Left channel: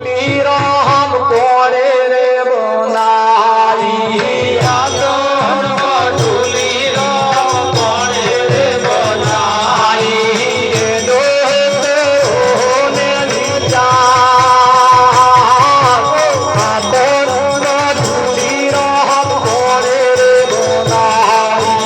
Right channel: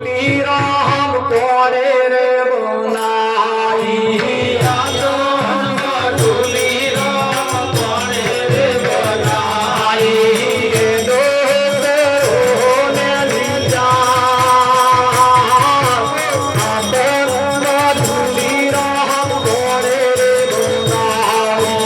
રામ કોરે રે બોલાઈ આદમ મઢુલી રામ કોરે રે બોલાઈ દોને નિજા આદમ મઢુલી રામ કોરે રે બોલાઈ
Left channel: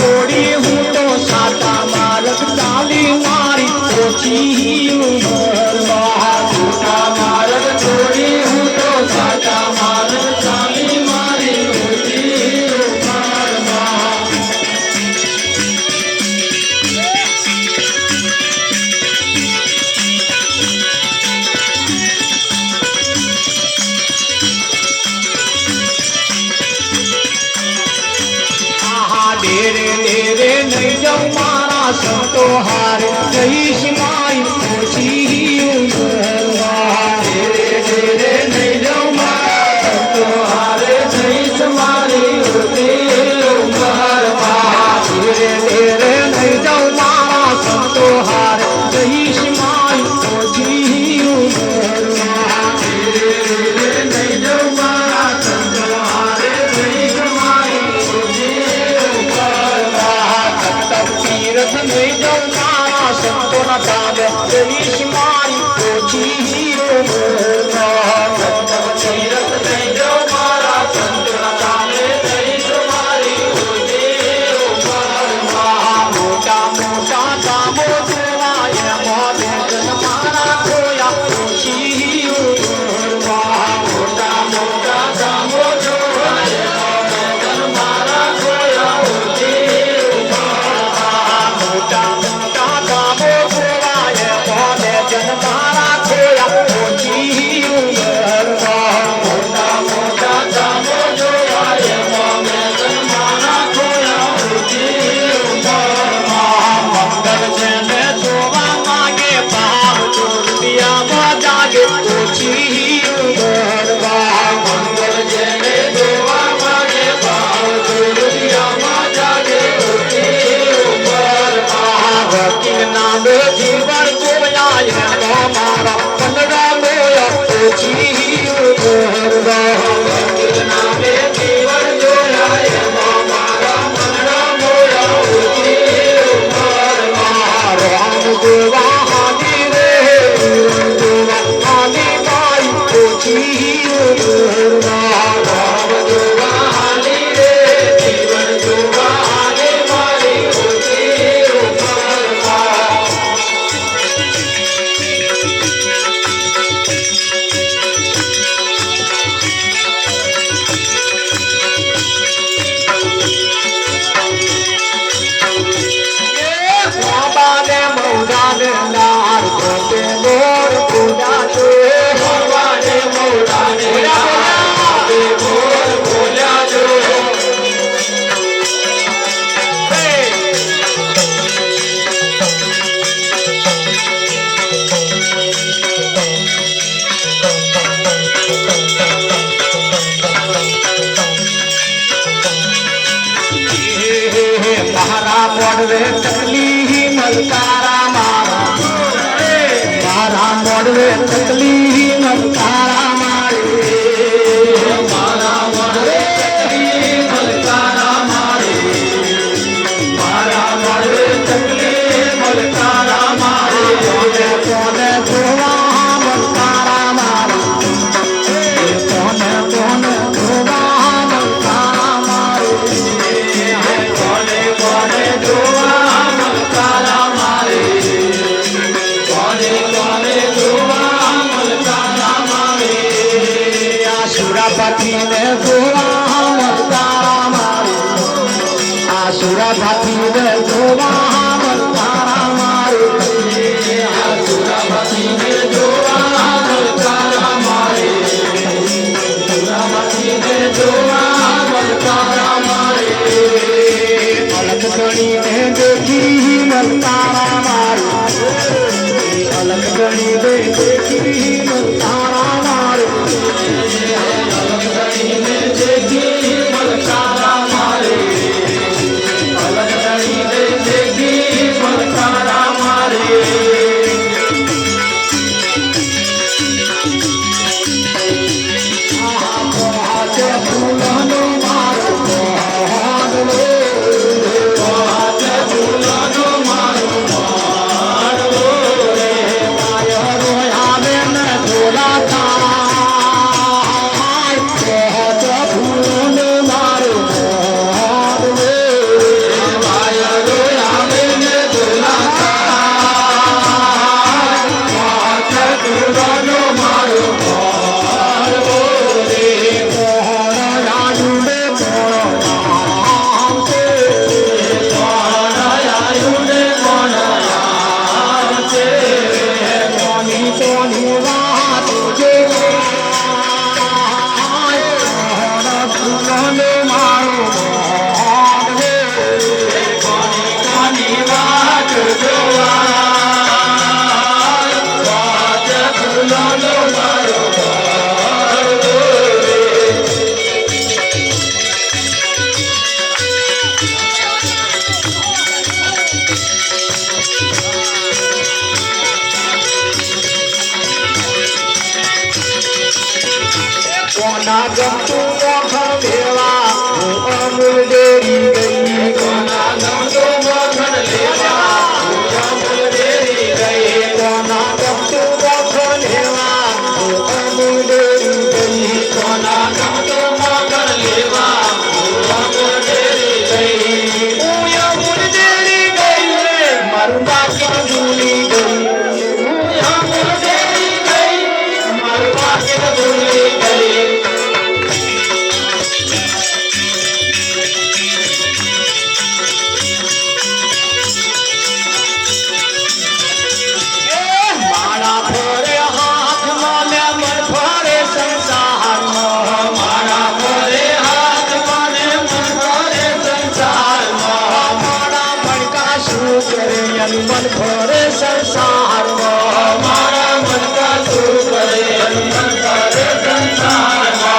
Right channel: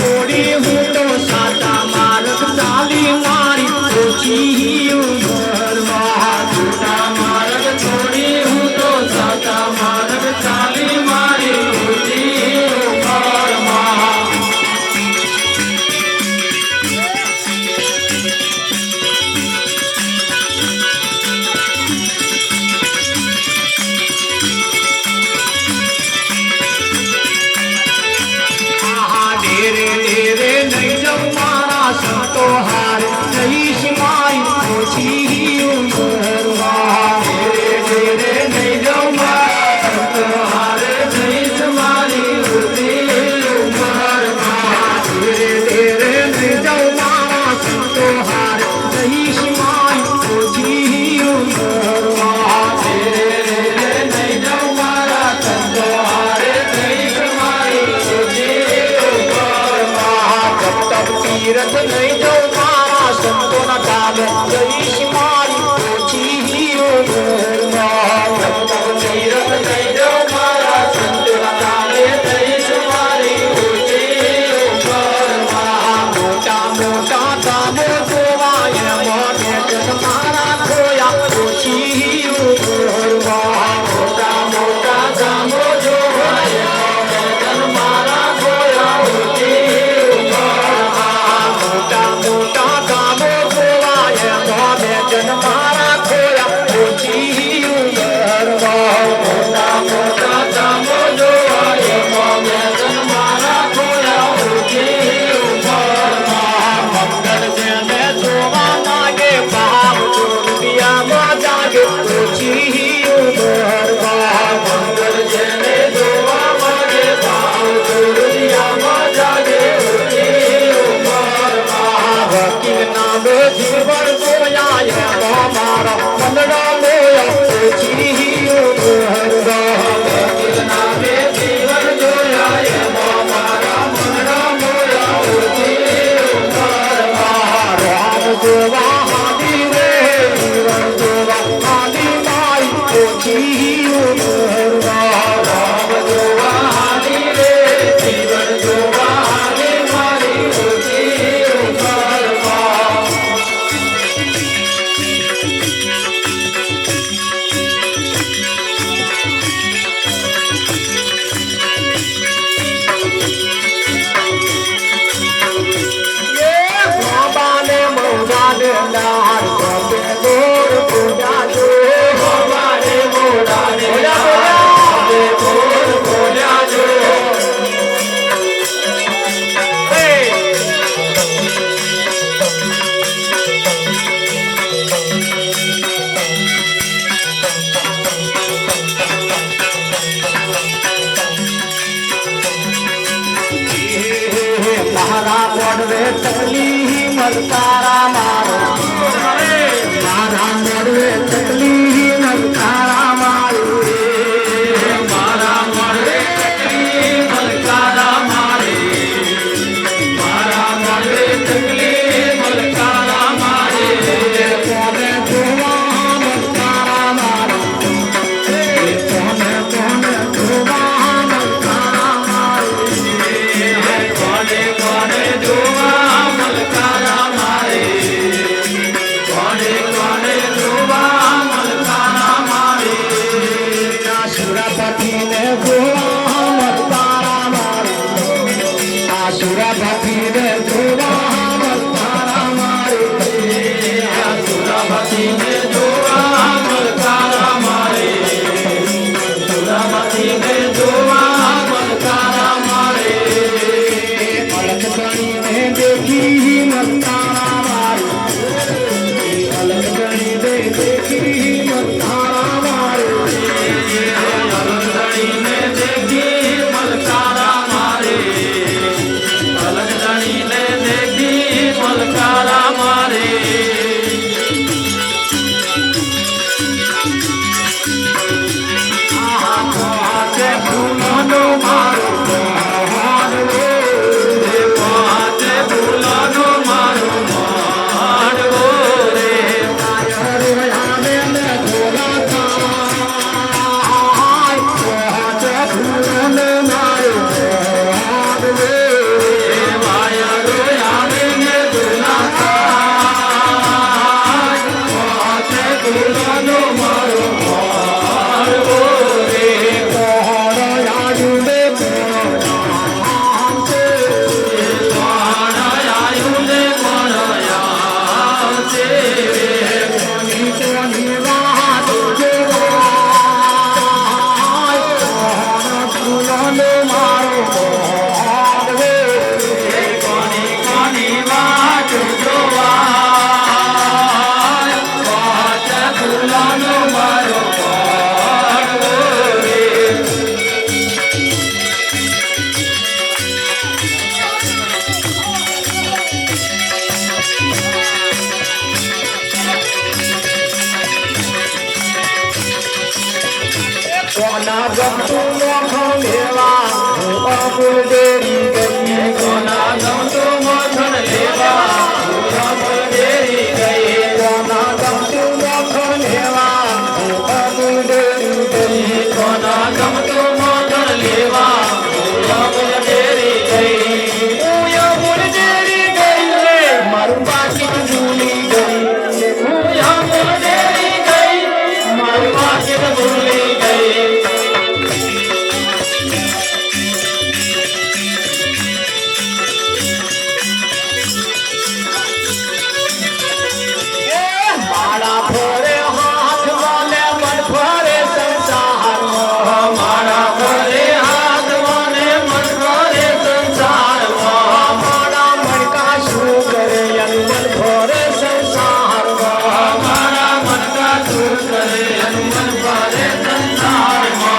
છોડી હું તો સાચા માર્ગ ચાલી મારી ઓછી ઉંમરમાં સાચા માર્ગ છોડી હું તો સાચા માર્ગ ચાલી મારી ઓછી ઉંમરમાં ડેરે ડેરે નહીં જાઉં મારા સંતો હારે જઈશ મારી ઓછી ઉંમરમાં ડેરે ડેરે નહીં જાઉં મારા સંતો હારે જઈશ મારી ઓછી ઉંમરમાં ડેરે ડેરે નહીં જાઉં મારા સંતો હારે જઈશ મારી ઓછી ઉંમરમાં ડેરે ડેરે નહીં જાઉં મારા સંતો હારે જઈશ મારી ઓછી તીરથ નહીં જવા સંતોના તાબે જઈશ મારી ઓછી ઉંમરમાં તીરથ નહીં જવા સંતોના તાબે જઈશ મારી ઓછી ઉંમરમાં મોટા મોટા કામો જોવાય મોઢે મારા ખોયા ઓછી ઉંમરમાં મોટા મોટા કામો જોવાય મારા ખોયા ઓછી મારા ખોયા ઓછી ઉંમરમાં મોટા મોટા કામો જોવાય મારા ખોયા ઓછી ઉંમરમાં મંગળ જેને જોવા માગે ભાવ રૂપિયામાં જાગે ઓછી ઉંમરમાં મંગળ જેને જોવા માગે ભાવ રૂપિયામાં જાગે ઓછી ઉંમરમાં વકીલ નામે જીવન જોયા મારા કલડા લોયા ઓછી ઉંમરમાં વકીલ નામે જીવન જોયા મારા કલડા લોયા ઓછી ઉંમરમાં રામ જોવા હાદી રે વીરન જોવા હાદી મારી ઓછી ઉંમરમાં રામ જોવા હાદી રે જીવન જોવા હાદી મારી ઓછી ઉંમરમાં બાબાને મોઢાને લાર ગોપે ગોર પૂજા છે બાબાને મોઢાને લાર ગોર પૂજા છે મારા મોડવે તકલી મલકારા મારા મોડવે તકલી મલકારા મારી મારા મોડવે તકલી મલકારા મારી મારા મોડવે તકલી મલકારા મારી કોને કોને જોવા મલકારા મારી કોને કોને જોવા મલકારા મારી કોને કોને જોવા મલકારા મારી કોને કોને જોવા મલકારા મારી આસુરાપતિને જોવા મલકારા મારી આસુરાપતિને જોવા મલકારા મારી આસુરાપતિને જોવા મલકારા મારી આસુરાપતિને જોવા મલકારા મારી અલગ ગણીને દેખી મલકારા મારી અલગ ગણીને દેખી મલકારા મારી અલગ ગણીને દેખી મલકારા મારી અલગ ગણીને દેખી મલકારા મારી ફૂલનો મારો હાડલો ફૂલનો મારો હાડલો રે કોના ગમતું મોખણ લેવા અમૂલ ડેરી ગઈ કોના ગમતું મોખણ લેવા અમૂલ ડેરી ગઈ કોના ગમતું મોખણ લેવા અમૂલ ડેરી ગઈ કોના ગમતું મોખણ લેવા અમૂલ ડેરી ગઈ અમૂલ ડેરી ગઈ રે મારું બાકી ભૂલી ગઈ અમૂલ ડેરી ગઈ મારું બાકી ભૂલી ગઈ મારા ફોરે હાથ વાલે મન ફરે સંસારમાં મારા ફોરે હાથ વાલે મન ફરે સંસારમાં મારા મણકા શું કરે એનું મન ફરે સંસારમાં મારા મણકા શું કરે એનું મન ફરે સંસારમાં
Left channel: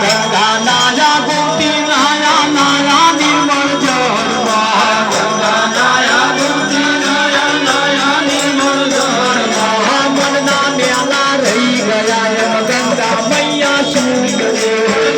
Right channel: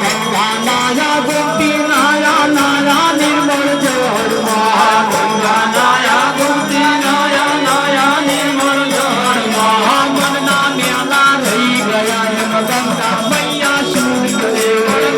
ગંગા નાયા ગોપી નાયા નાયા નિર્મળ જળમાં ગંગા નાયા ગોપી નાયા નાયા નિર્મળ જળમાં મનના મેલા રહી ગયા એમ ગંગા મૈયા શું કરે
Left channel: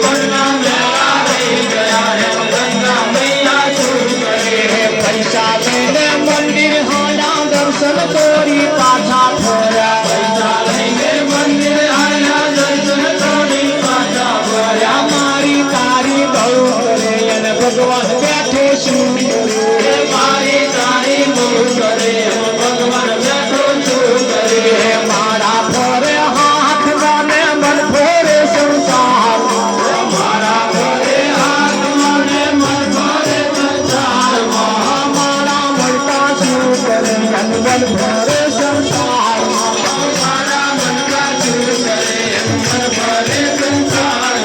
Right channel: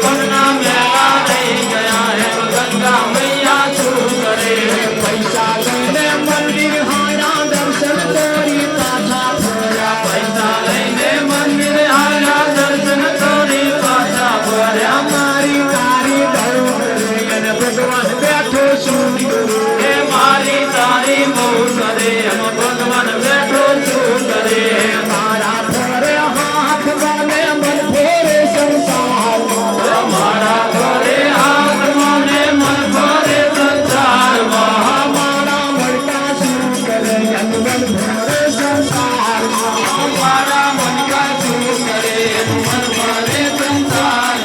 મનના મેલા રહી ગયા એમ ગંગા મૈયા શું કરે પૈસા લઈને મંદિર હાયા દર્શન કરી પાછા ફર્યા પૈસા લઈને મંદિર હાયા દર્શન કરી પાછા ફર્યા મારી તારી બહુ કરે અને ભગવાન બેઠો શું કરે મારી તારી બહુ કરે અને ભગવાન બેઠો શું કરે મારા ફરે હાથ વાલે મન ફરે સંસાર મારા ફરે હાથ વાલે મન ફરે સંસાર મારા મનકા શું કરે મન ફરે સંસાર મારા મનકા શું કરે મન ફરે સંસાર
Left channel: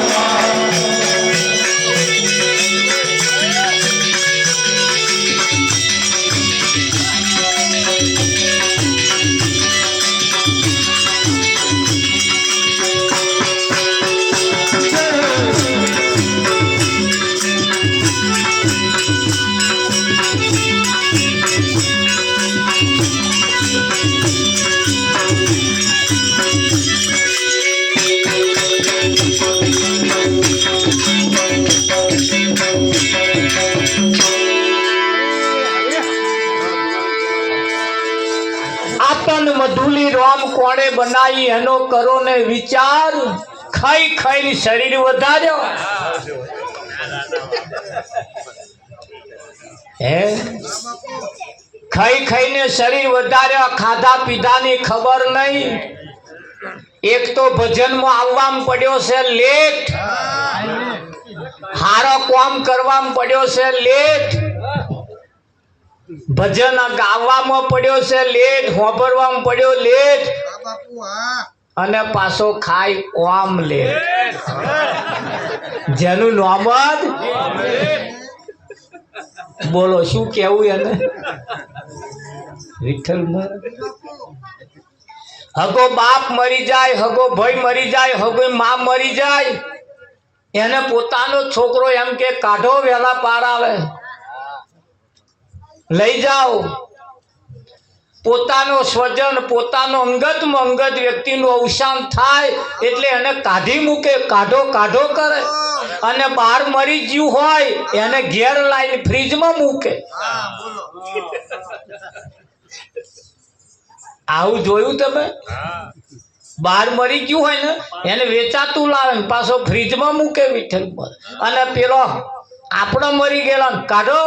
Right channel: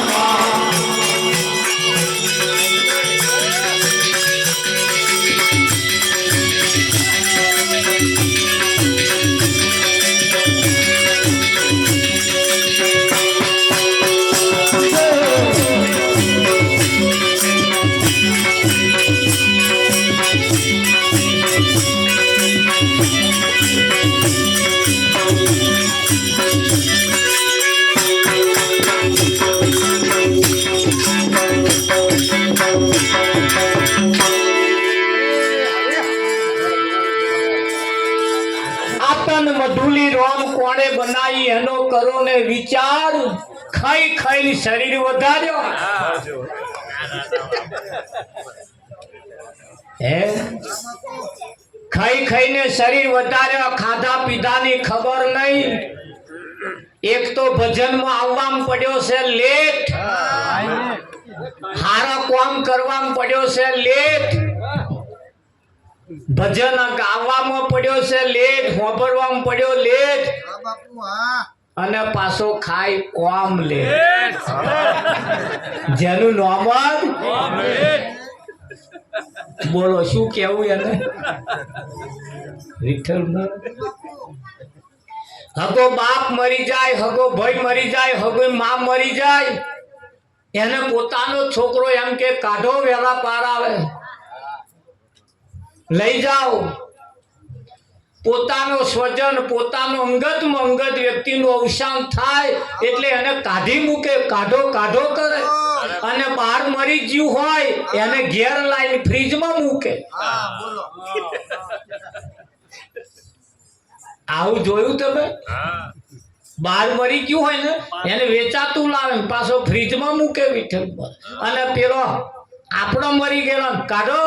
આતન મધુલી રોમ કોણે બનાવી એનો કરો ને વિચાર ખાઈ ખાઈને શરીર વધાર્યો હે ખાઈ ખાઈને શરીર વધાર્યો ખાધા પીધાની ખબર નહીં એક તો ભજનમાં આવવામાં પડ્યો છે લેટ હારો કામ કરવામાં પડ્યો છે લેટ ભજન ગાવામાં પડ્યો છે લેટ હોબરવામાં પડ્યો લેટ અને પાછો ખાઈ ઓમ લેટ જેનું નામ જ બોલો શું કેવું એને વિઠ્ઠલ હગો બાપ મરી જાય હગો ભાઈ મરી જાય હગો માં મરી જાય એને પોતાનો છોકરો એમ કે કાઢો વેલા પાર આવે લઈ જાઓ પોતાનો સ્વજન પોતાનો અંગતમાં અંગત વ્યક્તિનું અવસાન થાય એટલે એને કાઢી મૂકે કાઢો કાઢો કરે અને બહાર મરી ગયું હોય એને ઘેર લાવીને ફ્રીજમાં મૂકે આવું જોયું તમે બહાર મરી ગયું હોય ને એને વેચાતું લાવે પાછો ફ્રીજમાં મૂકે વિઠ્ઠલ પર અને પેલો આપણો મરી ગયેલો કાઢો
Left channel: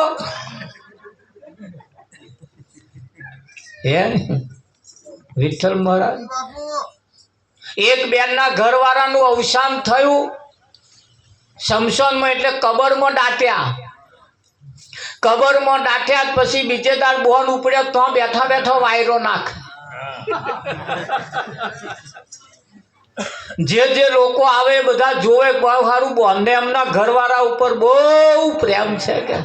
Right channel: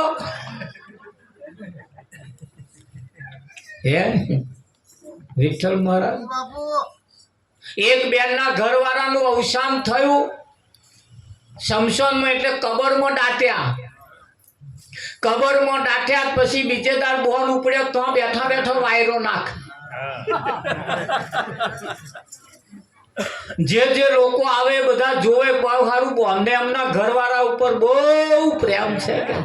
હે વિઠ્ઠલ મહારાજ એક બેનના ઘરવાળાનું અવસાન થયું શમશાનમાં એટલે કબરમાં દાટ્યા પછી બીજે દાડ બોન ઉપડ્યો તો બેઠા બેઠો વાયરો નાખ જે લોકો આવે બધા જોવે બહુ સારું બોનને એમના ઘરવાળા ઉપર બહુ પ્રેમ છે કે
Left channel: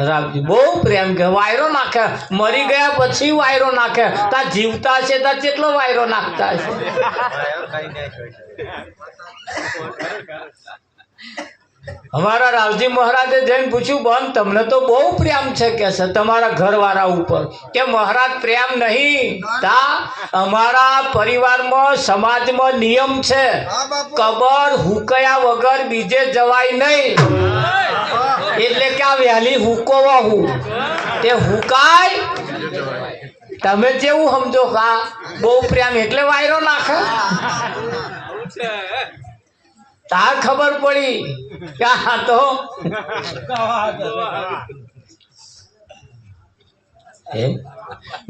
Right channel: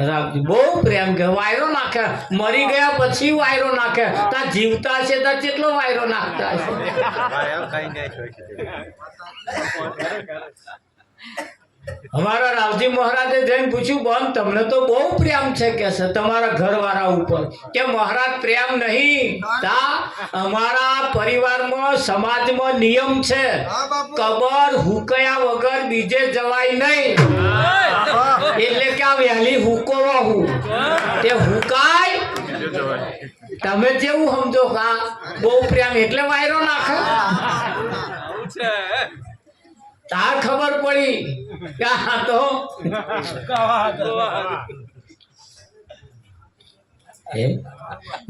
રાખજો બહુ પ્રેમ કે વાયરો નાખે મરી ગયા પછી વાયરો નાખે તા જીવતા છે તા કેટલો વાયરો નાખતા છે અમારા રાવજી મહારાજે જઈને પૂછ્યું બેન તમને તો બહુ પ્રેમ છે કે છે તમારા ઘરવાળા ઉપર કે મહારાજ પ્રેમ નહીં તા અમારા પરિવારમાં સમાજમાં નિયમ છે કબર હુકયા વગર બીજે જવાય નહીં એટલે કે આ વહેલી હુકોવા હું તે હુકાય તમે જેવું સમજો કા બહુ પ્રેમ એટલે વાયરો નાખો તાર ખબર પડી કે આ તો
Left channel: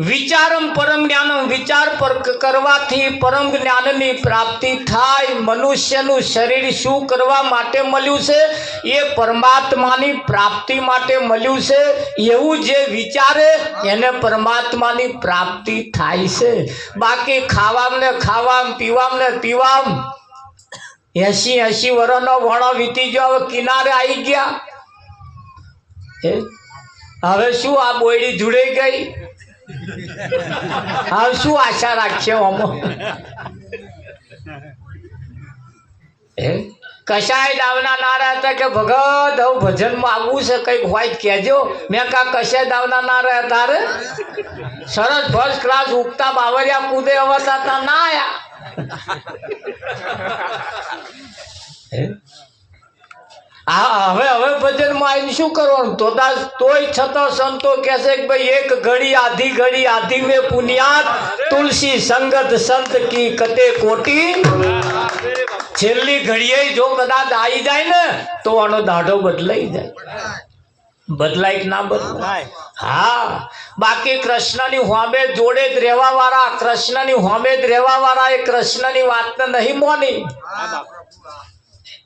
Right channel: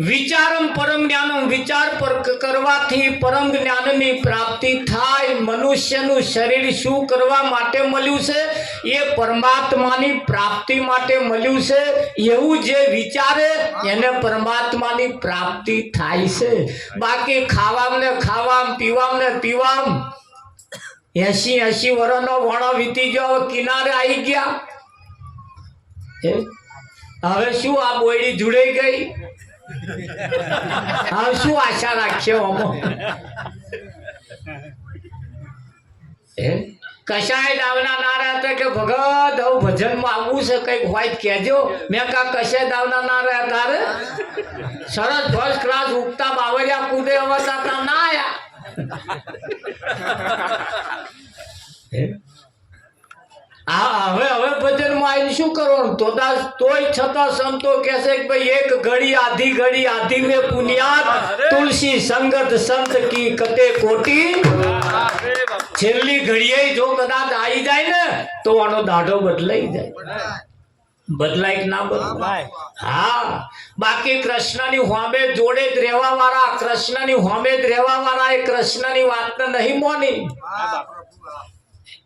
વિચારમ પરમ જ્ઞાનમ વિચાર પર કરવાથી પરમ જ્ઞાનની પ્રાપ્તિ થાય મનુષ્યનું શરીર શું કરવા માટે મળ્યું છે એ પરમાત્માની પ્રાપ્તિ માટે મળ્યું છે એવું જે વિચારે એને પરમાત્માની પ્રાપ્તિ થાય છે બાકી ખાવામ ને ખાવામ પીવામ ને પીવામ 80 વર્ષનો વણો વીતી ગયો હવે કિનારે આવી ગયા હવે શું આ બોયડી જોડાઈ ગઈ હવે શું આશા રાખીએ આમાં કશાય દાવના નારા હતા કે ભગત હવે ભજનમાં આવવું છે કઈક હોય કહેજો મેં કા કશાય દાવના નારા તારે સરસ ફર્સ્ટ ક્લાસ ઉગતા બાવરિયા કૂદે હવે હતા ના આયા હવે ભજનમાં આવીને શું કરવાનું તોય છતાં સંતો કહેશે કે ભાઈ એક ઘડી આધી મેં પુનિયાત તુલસી સંગત સંત કી કતે કોટી છેલ્લી ઘડીએ જો કદાચ આવી જાય ને તો આનો દાઢો બદલાઈ જાય બદલાય કે ના બદલાય હા બાકી કૃષ્ણની હોમે જોડે જ રહેવા વાળા કૃષ્ણની હોમે જ રહેવા વાળા એ કૃષ્ણની વાત નહીં મોની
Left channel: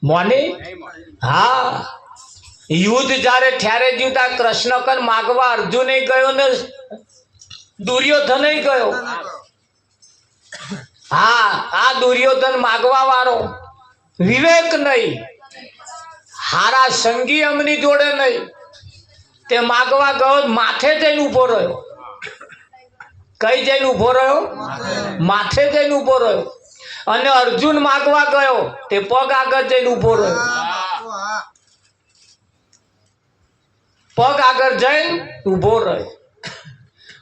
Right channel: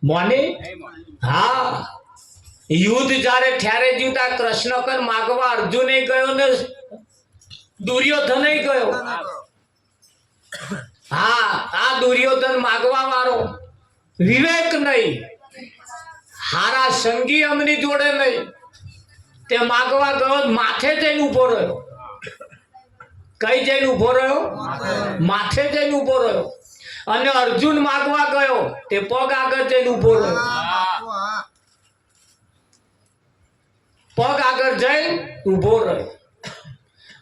મોની હા યુદ્ધ જ્યારે ઠેરે જીવતા કૃષ્ણ કન માગવા અર્જુન ગયો ને દુર્યોધન ગયો હા આ દુર્યોધન માગવા વાળો વિવેક નહીં હારા સંગી અમની જોડે નહીં તે માગવા ગયો માથે જઈને ઉભો રહ્યો કઈ જઈને ઉભો રહ્યો માથે જઈને ઉભો રહ્યો અને અર્જુન માગવા ગયો તે પગ આગળ જઈને ઉભો રહ્યો પગ આગળ જઈને ઉભો રહ્યો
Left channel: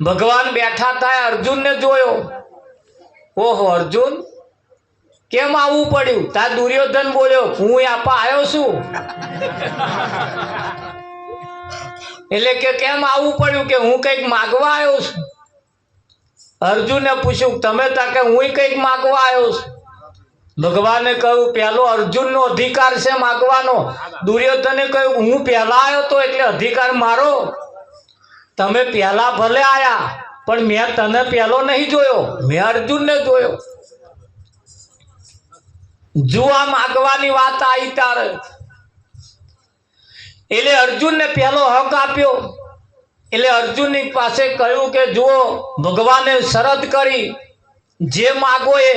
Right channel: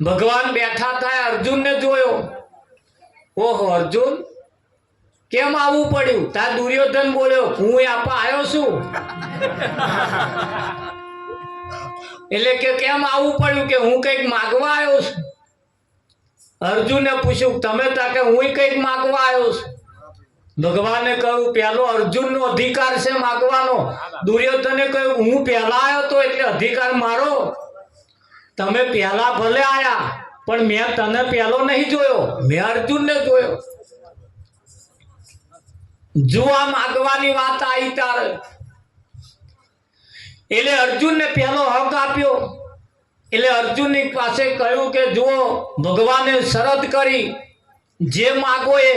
ભગવાન બેઠા થાય અર્જુન ને જોયો ઓહો અર્જુન કેમ આવવું પડ્યું તાર દુર્યોધન બોલ્યો હું આપા આવ્યો છું એટલે કે કેમ આવવું પડ્યું કે હું કઈક માગવા આવ્યો છું અર્જુને પૂછ્યું તમે તા કે હું કઈક માગવા આવ્યો છું ભગવાને કહ્યું પહેલો અર્જુનનો અધિકાર છે માગવાનો દુર્યોધને કહ્યું હું પહેલા આવ્યો તો એટલે અધિકાર મારો તમે પહેલા ભલે આયા પણ મેં તને પહેલો નહીં જોયો મેં અર્જુનને જોયો જો આ માગવાની વાત આવી તારે એટલે અર્જુનને પહેલો હક આપ્યો એટલે અર્જુનની પાસે કહ્યું કે જો ભગવાને શરત કરી જે માગો એ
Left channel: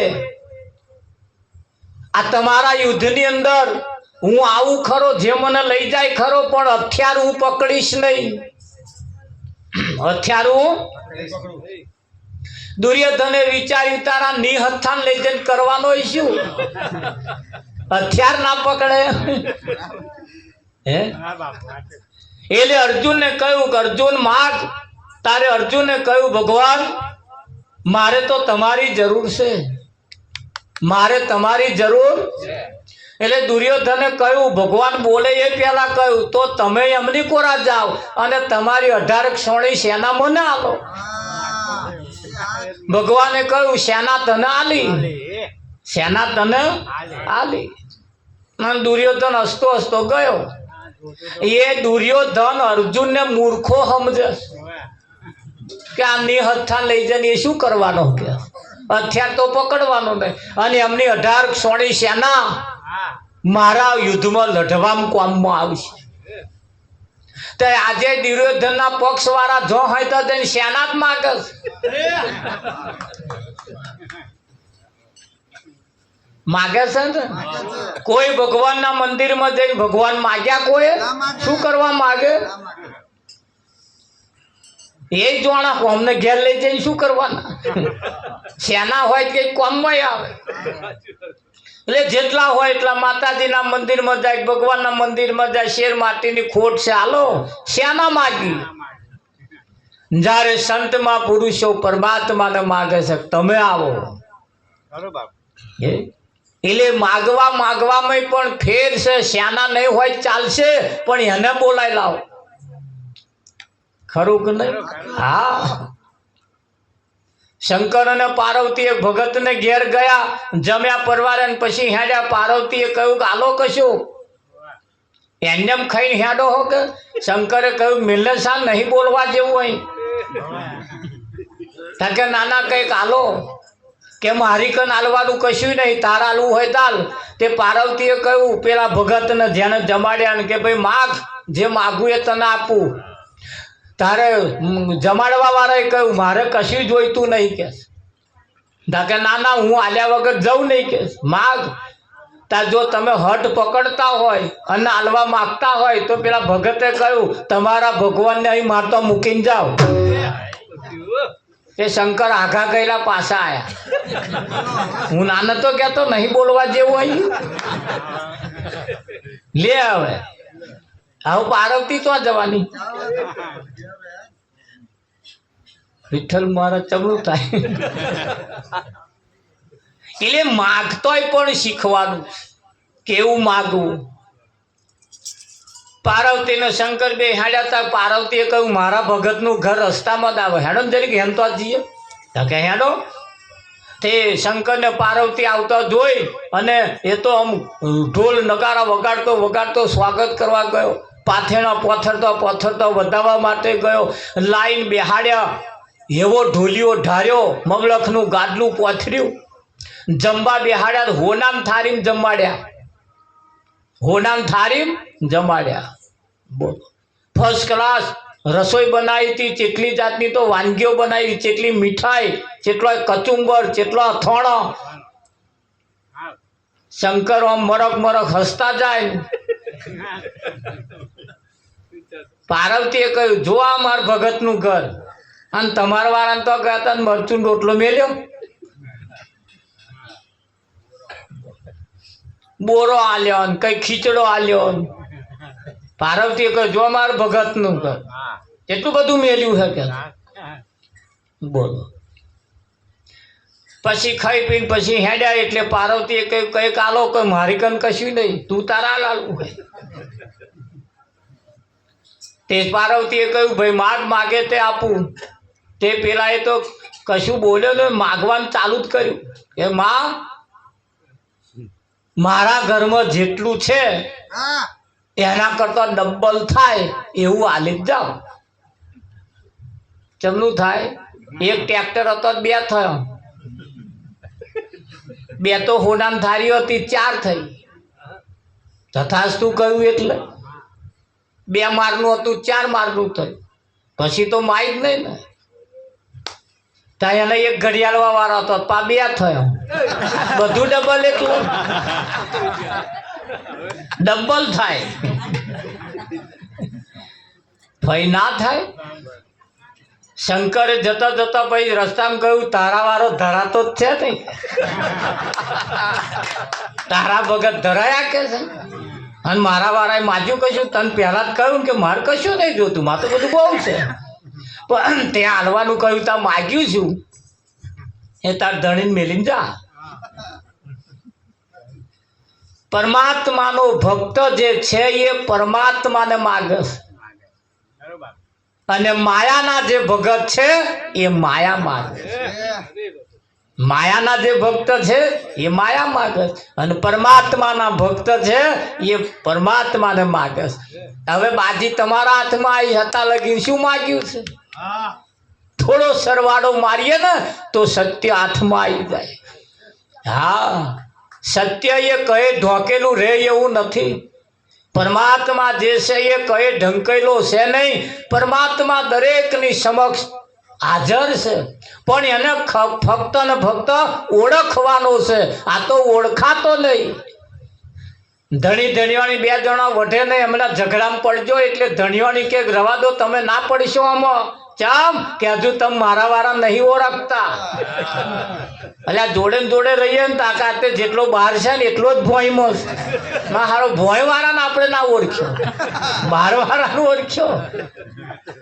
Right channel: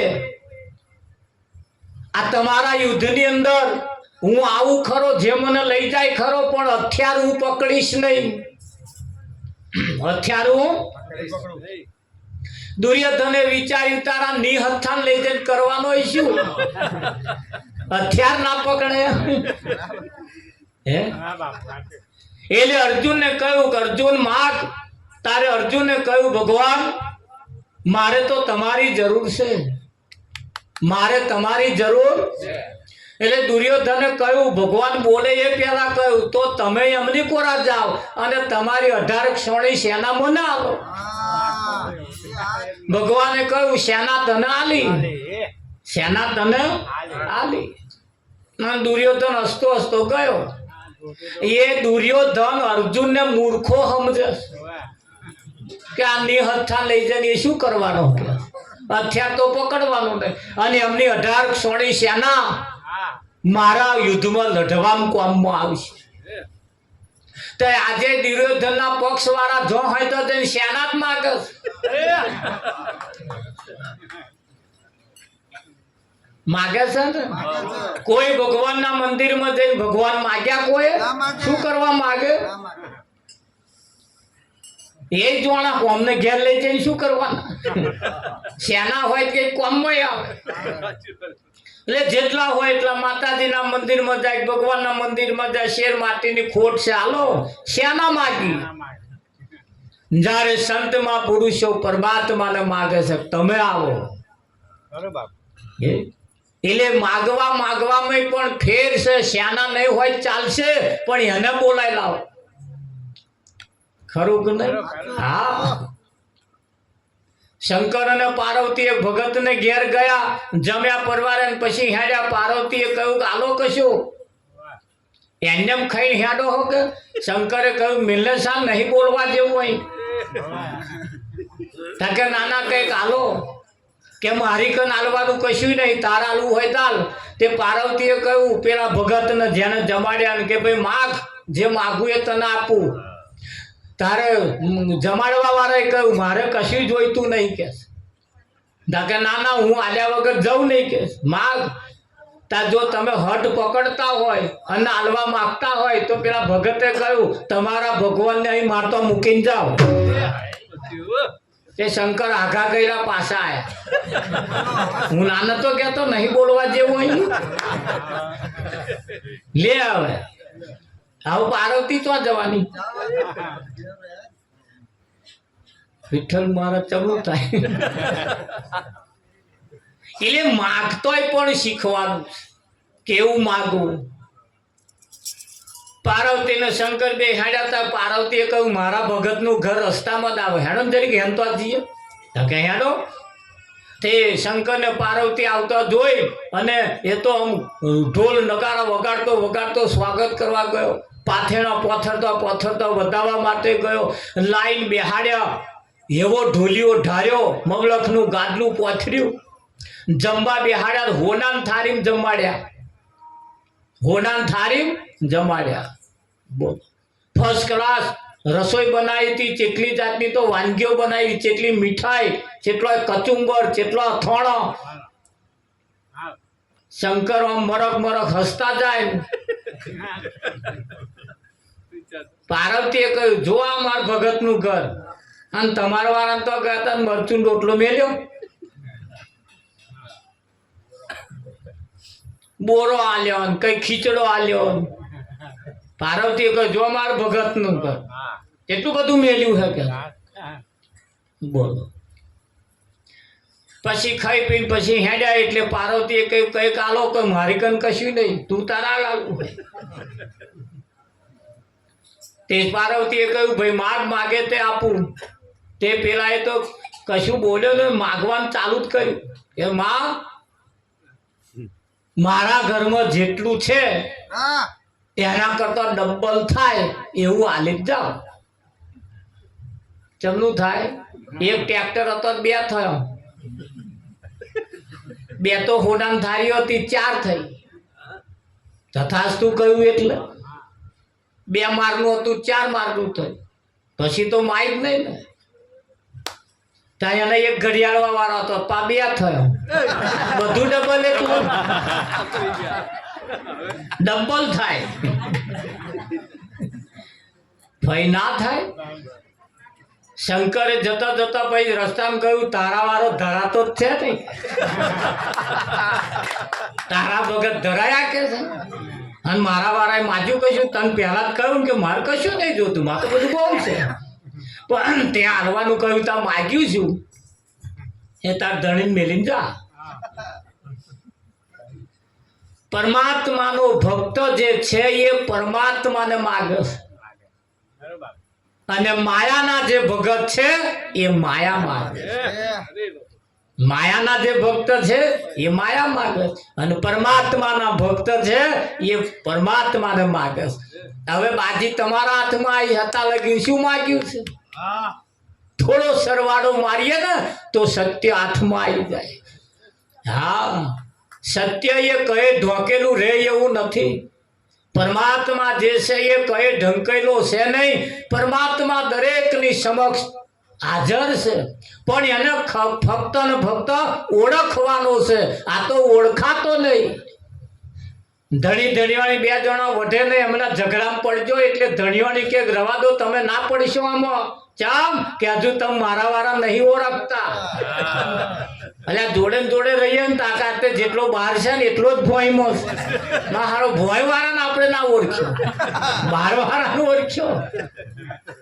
આ તમારા યુદ્ધની અંદર હું આવું ખરો જે મને લઈ જાય ખરો પણ હથિયાર હું પકડીશ નહીં હથિયાર હું દુર્યોધને વિચાર્યું તારા નિહથાન લઈ જઈને કરવાનો શું હથિયાર ના પકડે હે એટલે અર્જુનને કહ્યું કે અર્જુન માગ તારે અર્જુને કહ્યું ભગવાન મારે તો તમારી જરૂર છે મારે તમારી જરૂર એટલે દુર્યોધને કહ્યું ભગવાન બોલે એ પહેલા કહ્યું તો તમે એમની કોરા જાઓ અને તમારી 18 ક્ષોણી સેના મને આલો ભગવાને કહ્યું સેના તને આલી સેના તને આલી અને દુર્યોધન હસતો હસતો ગયો એ દુર્યોધન અર્જુનને મૂર્ખો સમજે કે આ નિહથા લઈ જઈને એ શું કરવાનો હથિયાર તો પકડવાનો નહીં અને એમની 18 ક્ષોણી સેના મારા યુદ્ધમાં લઢવામાં કામમાં આવશે તો આજે દુર્યોધનના પક્ષ વાળા જો હોય તો તેને સેના જ માંગે માગે છે ને કોઈ ભગવાનના મંદિરમાં જઈ ભગવાન માગ્યા કોઈ શું કરવા માગે એ જોણા કોમને ઘેર લઈ જઈને શું કરવાના સેના હોય કે કોમમાં આવે એટલે જેટલા હોય એટલા માતાજીના મંદિરમાં જાય, ભગવાનના મંદિરમાં જાય. શેર માટીની ખોટ છે, હાલો શ્યાના માગી. જ્યારે સંતમાં પુરુષો પરમાત્માને માગે છે, તમે આવો. એટલે માગવામાં પણ ફેર છે. શ્યાના નહીં હોય ચાલશે, પણ એને બોલાય લાવો. ખરું કે નહીં? હા. શંકર અને પાર્વતી એક ભગત ને ઘેર ગયા, જમ્યા પરવારે પછી હેડ્યા. પાર્વતીએ કહ્યું કે હાલો કશું એમને ખાઈ હેડો હો કે? શંકરે કહ્યું મિલને સા નહીં બોલવા જેવું અહીં. કે નાના કઈક હાલો, કે મારી કન હાલવાનું કશું નહીં, તાર હાલવું હોય તાલ. તે પાર્વતીએ કહ્યું પેલા ભગત ને જેને જમાડ્યા ને કે ભાઈ માગ, જે માગું એ તને આપું. તારે જમાડવા વાળાએ કહ્યું મારે કશું જોઈતું નહીં કે. ના ના હું આલ્યા વગર જઉં નહીં કે. માગ તાર જો તમે હટ પકડતા હોય અને હાલવા માગતા હોય તો પેલા ભગતે કહ્યું તમારા ભગવાનને અહીં મારતો મૂકીને જાઓ. કે શંકર આઘા ગયેલા પાછા આયા. હું નાનો તો કહેતો નહીં બોલવા જેવું અહીં. લે હવે હવે પાર્વતી તો જવાની. વિઠ્ઠલ મારા ચબલું થાય. એટલે માગતોય પણ શીખવાનું, કેવું માગવું. પાર્વતી ને શંકર બે હેડ્યા હતા. પાર્વતીએ કહ્યું મારા ભગતનું ઘર રસ્તામાં જ આવે, હેડો ને જરીક હેમ તો જઈએ. કે હેડો. તે શંકર ને પાર્વતી આવતા જોઈ અને એ તો આમ ઢોલ નગારા વગાડતો વગાડતો સ્વાગત કરવા ગયો. પાથેણા પોથરતો વધાવવા માટે ગયો. લાઈન બેહાડ્યા, એવો ઢોલિયો ઢાર્યો, મગલખનું ગાદલું પોથર્યું. જમવા બેહાડ્યા, હોનામ થારીમ જમાડ્યા. હોનામ થારીમ જમાડ્યા. બોલો ફર્સ્ટ ક્લાસ રસોઈ બનાવી હતી. ચેટલી જાતની તો વાનગીઓ બનાવી, ચેટલી મીઠાઈ, ચેટલો કચુંબર, ચેટલો અથાણો. શંકર આમ મરક હસતા જાય. પાર્વતીએ કહ્યું જો આ માર ભગતનું ઘર, અને તમારા વાળાને તો ગયા હતા મરચું રોટલો મેલ્યો, બોરો આલ્યો ને કઈ ખીચડો આલ્યો. પાર્વતીએ કહ્યું જો માર ભગતનું ઘર, એટલું બધું મેલ્યું છે કે. બોલો પછી ખાઈ પીને પછી હેડ્યા. એટલે પાર્વતીએ કહ્યું કઈક આલો, કે મારી કન કશું નહીં, તું તારા લાલવું હોય. તે પાર્વતીએ કહ્યું ભાઈ માગે તે આપું. તે પેલા એ તો કશું બોલ્યો ને, માગવાનું ચાલુ જ કર્યું કે માં મારા ઘરમાં જેટલું છે એના કરતા ડબલ થાય એવું હાલી જ જાઓ. કેમનું થાય? એક ટ્રેક્ટર હતો 2 થયો, 2 તો હોનામ થારી હતી 4 થઈ. તથાસ્તુ કહ્યું એટલે 2 મારનું હતું 4 મારનું થયું. પછી તો માય જ નહીં ને. ત્યાં એને એક ઘડિયાળવા વાળો હતો, 2 થયો. બધું ડબલ, એટલે ડબલ થાય. ભાઈ ના થાય. શંકરે જતા જતા ભાઈ રસ્તામાં કહ્યું તારા વાળો ધરાતો જ છે નહીં. તારા ભગત ધરાયા કે છે, અને મારા વાળાએ માજ્યું કશું. તને પહેલા જ કહ્યું કે મારે કશું નહીં જોતું, મારે તો બધું બહુ છે. પણ ત્યાં હાલવાનું કહ્યું ત્યાં માગ્યું છું એ તાર ધણીને મેલીને જા. પરમાત્માનો ભક્ત જે છે એ પરમાત્માને માગે છે, અને માયાના જે ભગત છે એ માયા માગે. માયાના જે ભક્ત છે એ માયા માગે, અને પરમાત્માના ભક્ત છે એ પરમાત્માને માગે. હવે બાજી તમારા હાથમાં આવી હતા લગી શું માગ્યું છે? થોડો સરવાળો મારીએ ને તો સત્ય હાથમાં આવી જાય. હા, સત્ય એ કહે ઢોકેલું રહે એવું નથી. પરમાત્મા જે છે એ કહે ઢંકેલો છે નહીં. પરમાત્મા દરેકની સમક્ષ હાજર છે, પણ એને ફક્ત ને ફક્ત ઓળખવાનો છે. આ તો ઓળખાતો નહીં. ધણી ધણીવાણી 2 જણા વઢે નહીં, હમણાં ઝઘડામાં પડજો એટલે ધણીવાણી કે રવા દો, તમે ના પડશો આમાં ચમ કે હજુ તમે મારા વાળા નહીં ઓળખતા. એટલે જોડે ને જોડે રહીએ ને તાકાત જેટલો બહાર છે ને એટલો જ ભોયમાં છે. હારો ભોય વાળાને આપણે ના ઓળખ્યો, બહાર વાળાને ઓળખ્યો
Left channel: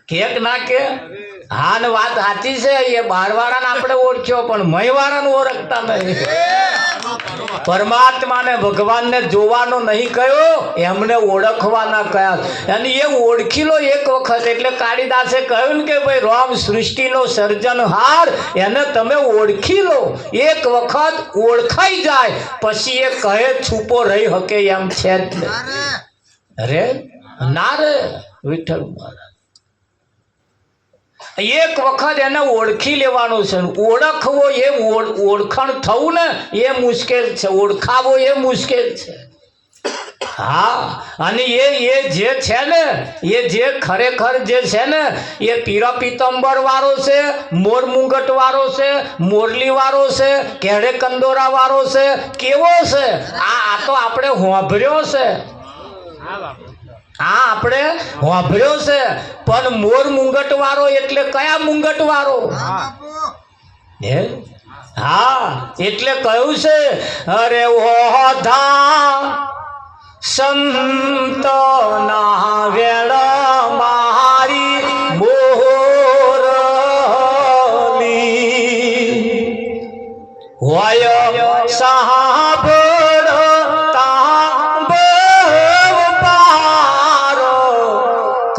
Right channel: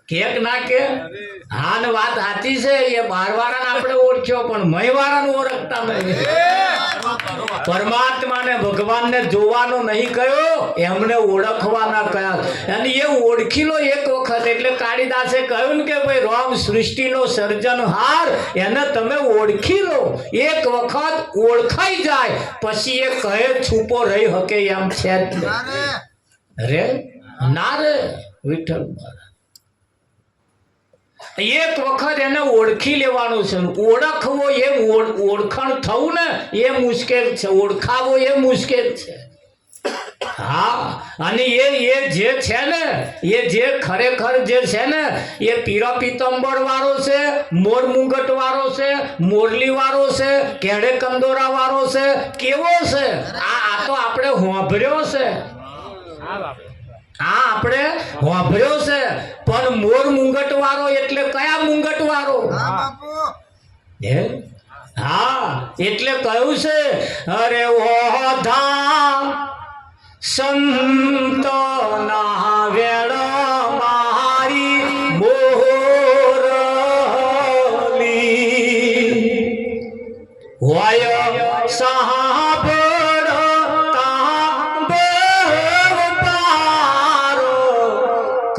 કે ના કે હા ને વાત સાચી છે. એ બહાર વાળાને આપણે ઓળખ્યો પણ મય વાળાને ઓળખતા નહીં. પરમાત્માને ભગવાનને જોવાનો નહીં કયો, એમને ઓળખવાના કયા. અને એ ઓળખી લો એક વખત. એટલે કાળીદાસે કહ્યું ને કે ભાઈ રામ સૃષ્ટિનો સર્જનહાર, એને તમે ઓળખી લો. એક વખત ઓળખાઈ જાય પછી એ કહે છૂપો રહી શકે એમ છે જ નહીં. રે ના રે વિઠ્ઠલ મહારાજ, એક વખત એને ઓળખી લેવાનું છે. ઓળખવો એ ઓળખાણ થવું ને એ મુશ્કેલ છે, ઓળખાવો એ મુશ્કેલ છે. હા, અને એ જે છે ને, એ જે ખરેખર જે છે ને, એ પીરા પીતંબર વાળો છે, મોર મુંગટ વાળો છે, મોરલી વાળો છે, કેડે કંદોરા વાળો છે, કેવો છે આ તો આપણે હોંભર્યો છે. હા, આપણે વાપર્યો છે. પણ મોર મુંગટ વાળો એટલે કયા મુંગટ વાળો? હા, એટલે કહ્યું છે અરે ઓધા સંત ના વેળ મારી મોરલી હોય સાહબ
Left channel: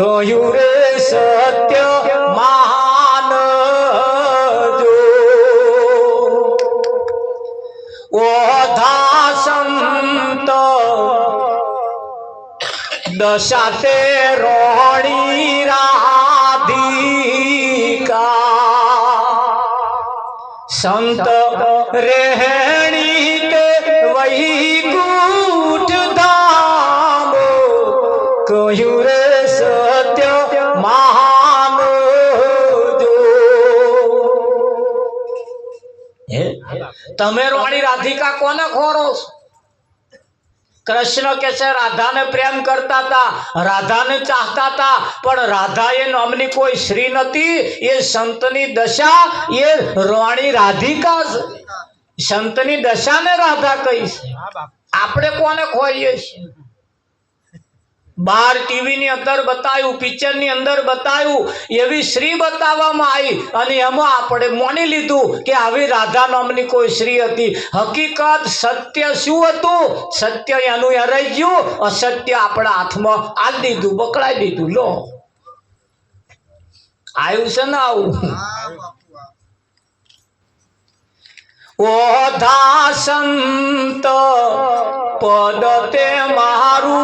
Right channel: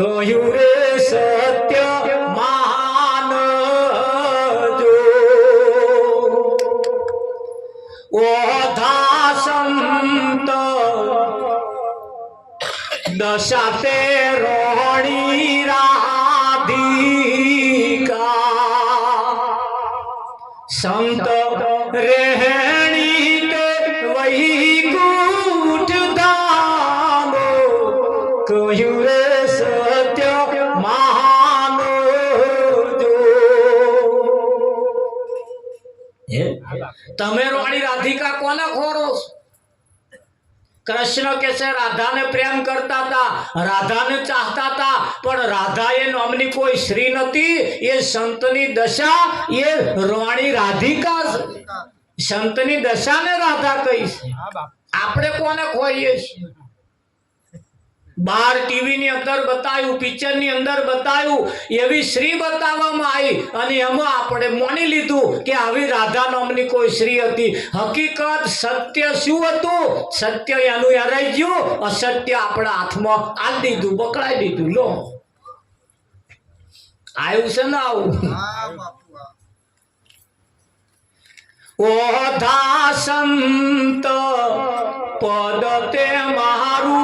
કહ્યું રે સત્ય માનજો. ઓધા સંત દશા તે રોણી રાધિકા સંત રેહણી તે વૈકુંઠ ધામો કહ્યું રે તમે રોણી રાધિકા કોને ખોરો છો? કૃષ્ણ કે છે રાધાને પ્રેમ કરતા હતા, રાધાને ચાહતા હતા, પણ રાધા એ નામની કોઈ સ્ત્રી નથી. એ સંતની દશા એ રોણી રાધિકા છે. સંતની દશાને રાધા કહી છે. આપણે કોને ખોરીએ છીએ? બાર ટીવી ની અંદર બતાવ્યું, પિક્ચર ની અંદર બતાવ્યું, એવી શ્રી બતાવવામાં આવી અને એમાં આપણે માની લીધું કે આવી રાધા નામની કોઈ શ્રી હતી. હકીકત સત્ય શું હતું? સત્ય એનું હરાઈ ગયું, અસત્ય આપણા હાથમાં આલી દીધું, બકડાઈ દીધું. લો આવ્યું છે ને આવું. ઓધા સંત પદ તે મારું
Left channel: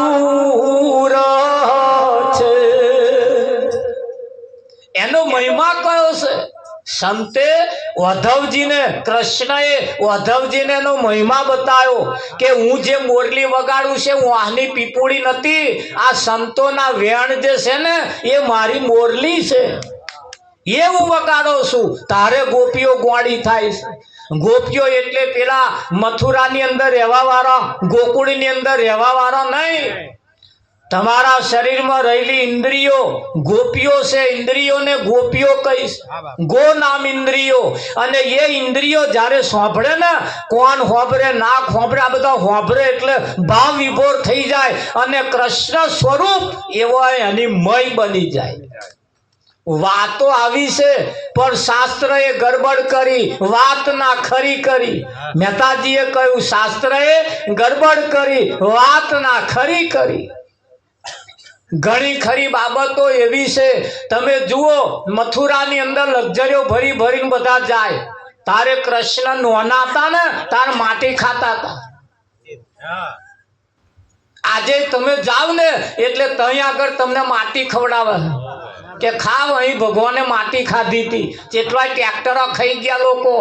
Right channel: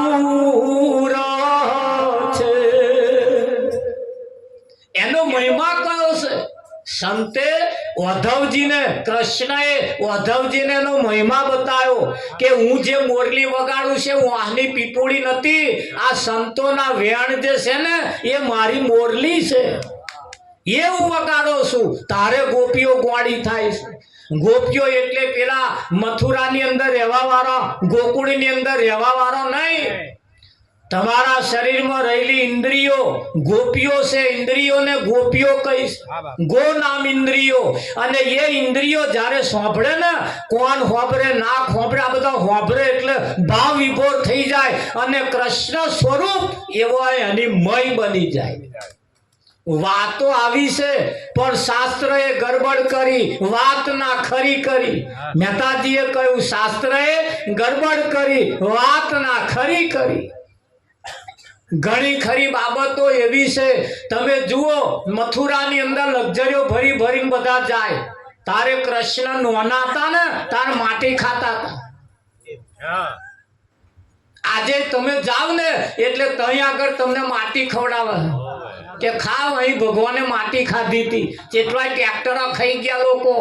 છે. એનો મહિમા કયો છે? સંતે ઉદ્ધવજીને, કૃષ્ણએ ઉદ્ધવજીને એનો મહિમા બતાવ્યો કે હું જે મોરલી વગાડું છે હું આની પીપુડી નથી. આ સંતોના વેણ જે છે ને એ મારી મોરલી છે, એ હું વગાડો છું. તારે ગોપીઓ ગોળી થાય છે. ગોપીઓ એટલે પેલા મથુરાની અંદર રહેવા વાળા, ગોકુળની અંદર રહેવા વાળા નહીં. તમારા શરીરમાં રહેલી ઇન્દ્રિયો ગોપીઓ છે. ઇન્દ્રિયોને ગોપીઓ કહીશ. ગો નામ ઇન્દ્રિયો. અને એ ઇન્દ્રિયો જ્યારે સાંભળે ને, કોણ હોંભરે ના હોંભરે, આ બધા હોંભરે એટલે ભાવ વિભોર થઈ જાય અને કૃષ્ણ સ્વરૂપ એવો એની મય બની જાય. વાતો આવી છે પણ શાસ્ત્રએ ગરબડ કરી, વાત ના ખરી કરી. મહેતાજીએ કહ્યું શાસ્ત્રએ ગરબડ કરી, વાત ના ખરી કરી. ઘણી ખરી બાબતો એવી છે. તમે જુઓ મથુરાની અંદર લક્ઝરીઓ ભરી ભરીને બધા જાય. તારે કૃષ્ણ નોના હતા ને તાર માટી ખાતા હતા. આજે તમે જાવ ને એટલે ત્યાં આગળ તમને માટી ખવડાવે કે ખાવ. અહીં ભગવાને માટી ખાધી હતી. કેટલાય ટ્રેક્ટરો ખાઈ ગયા લોકો.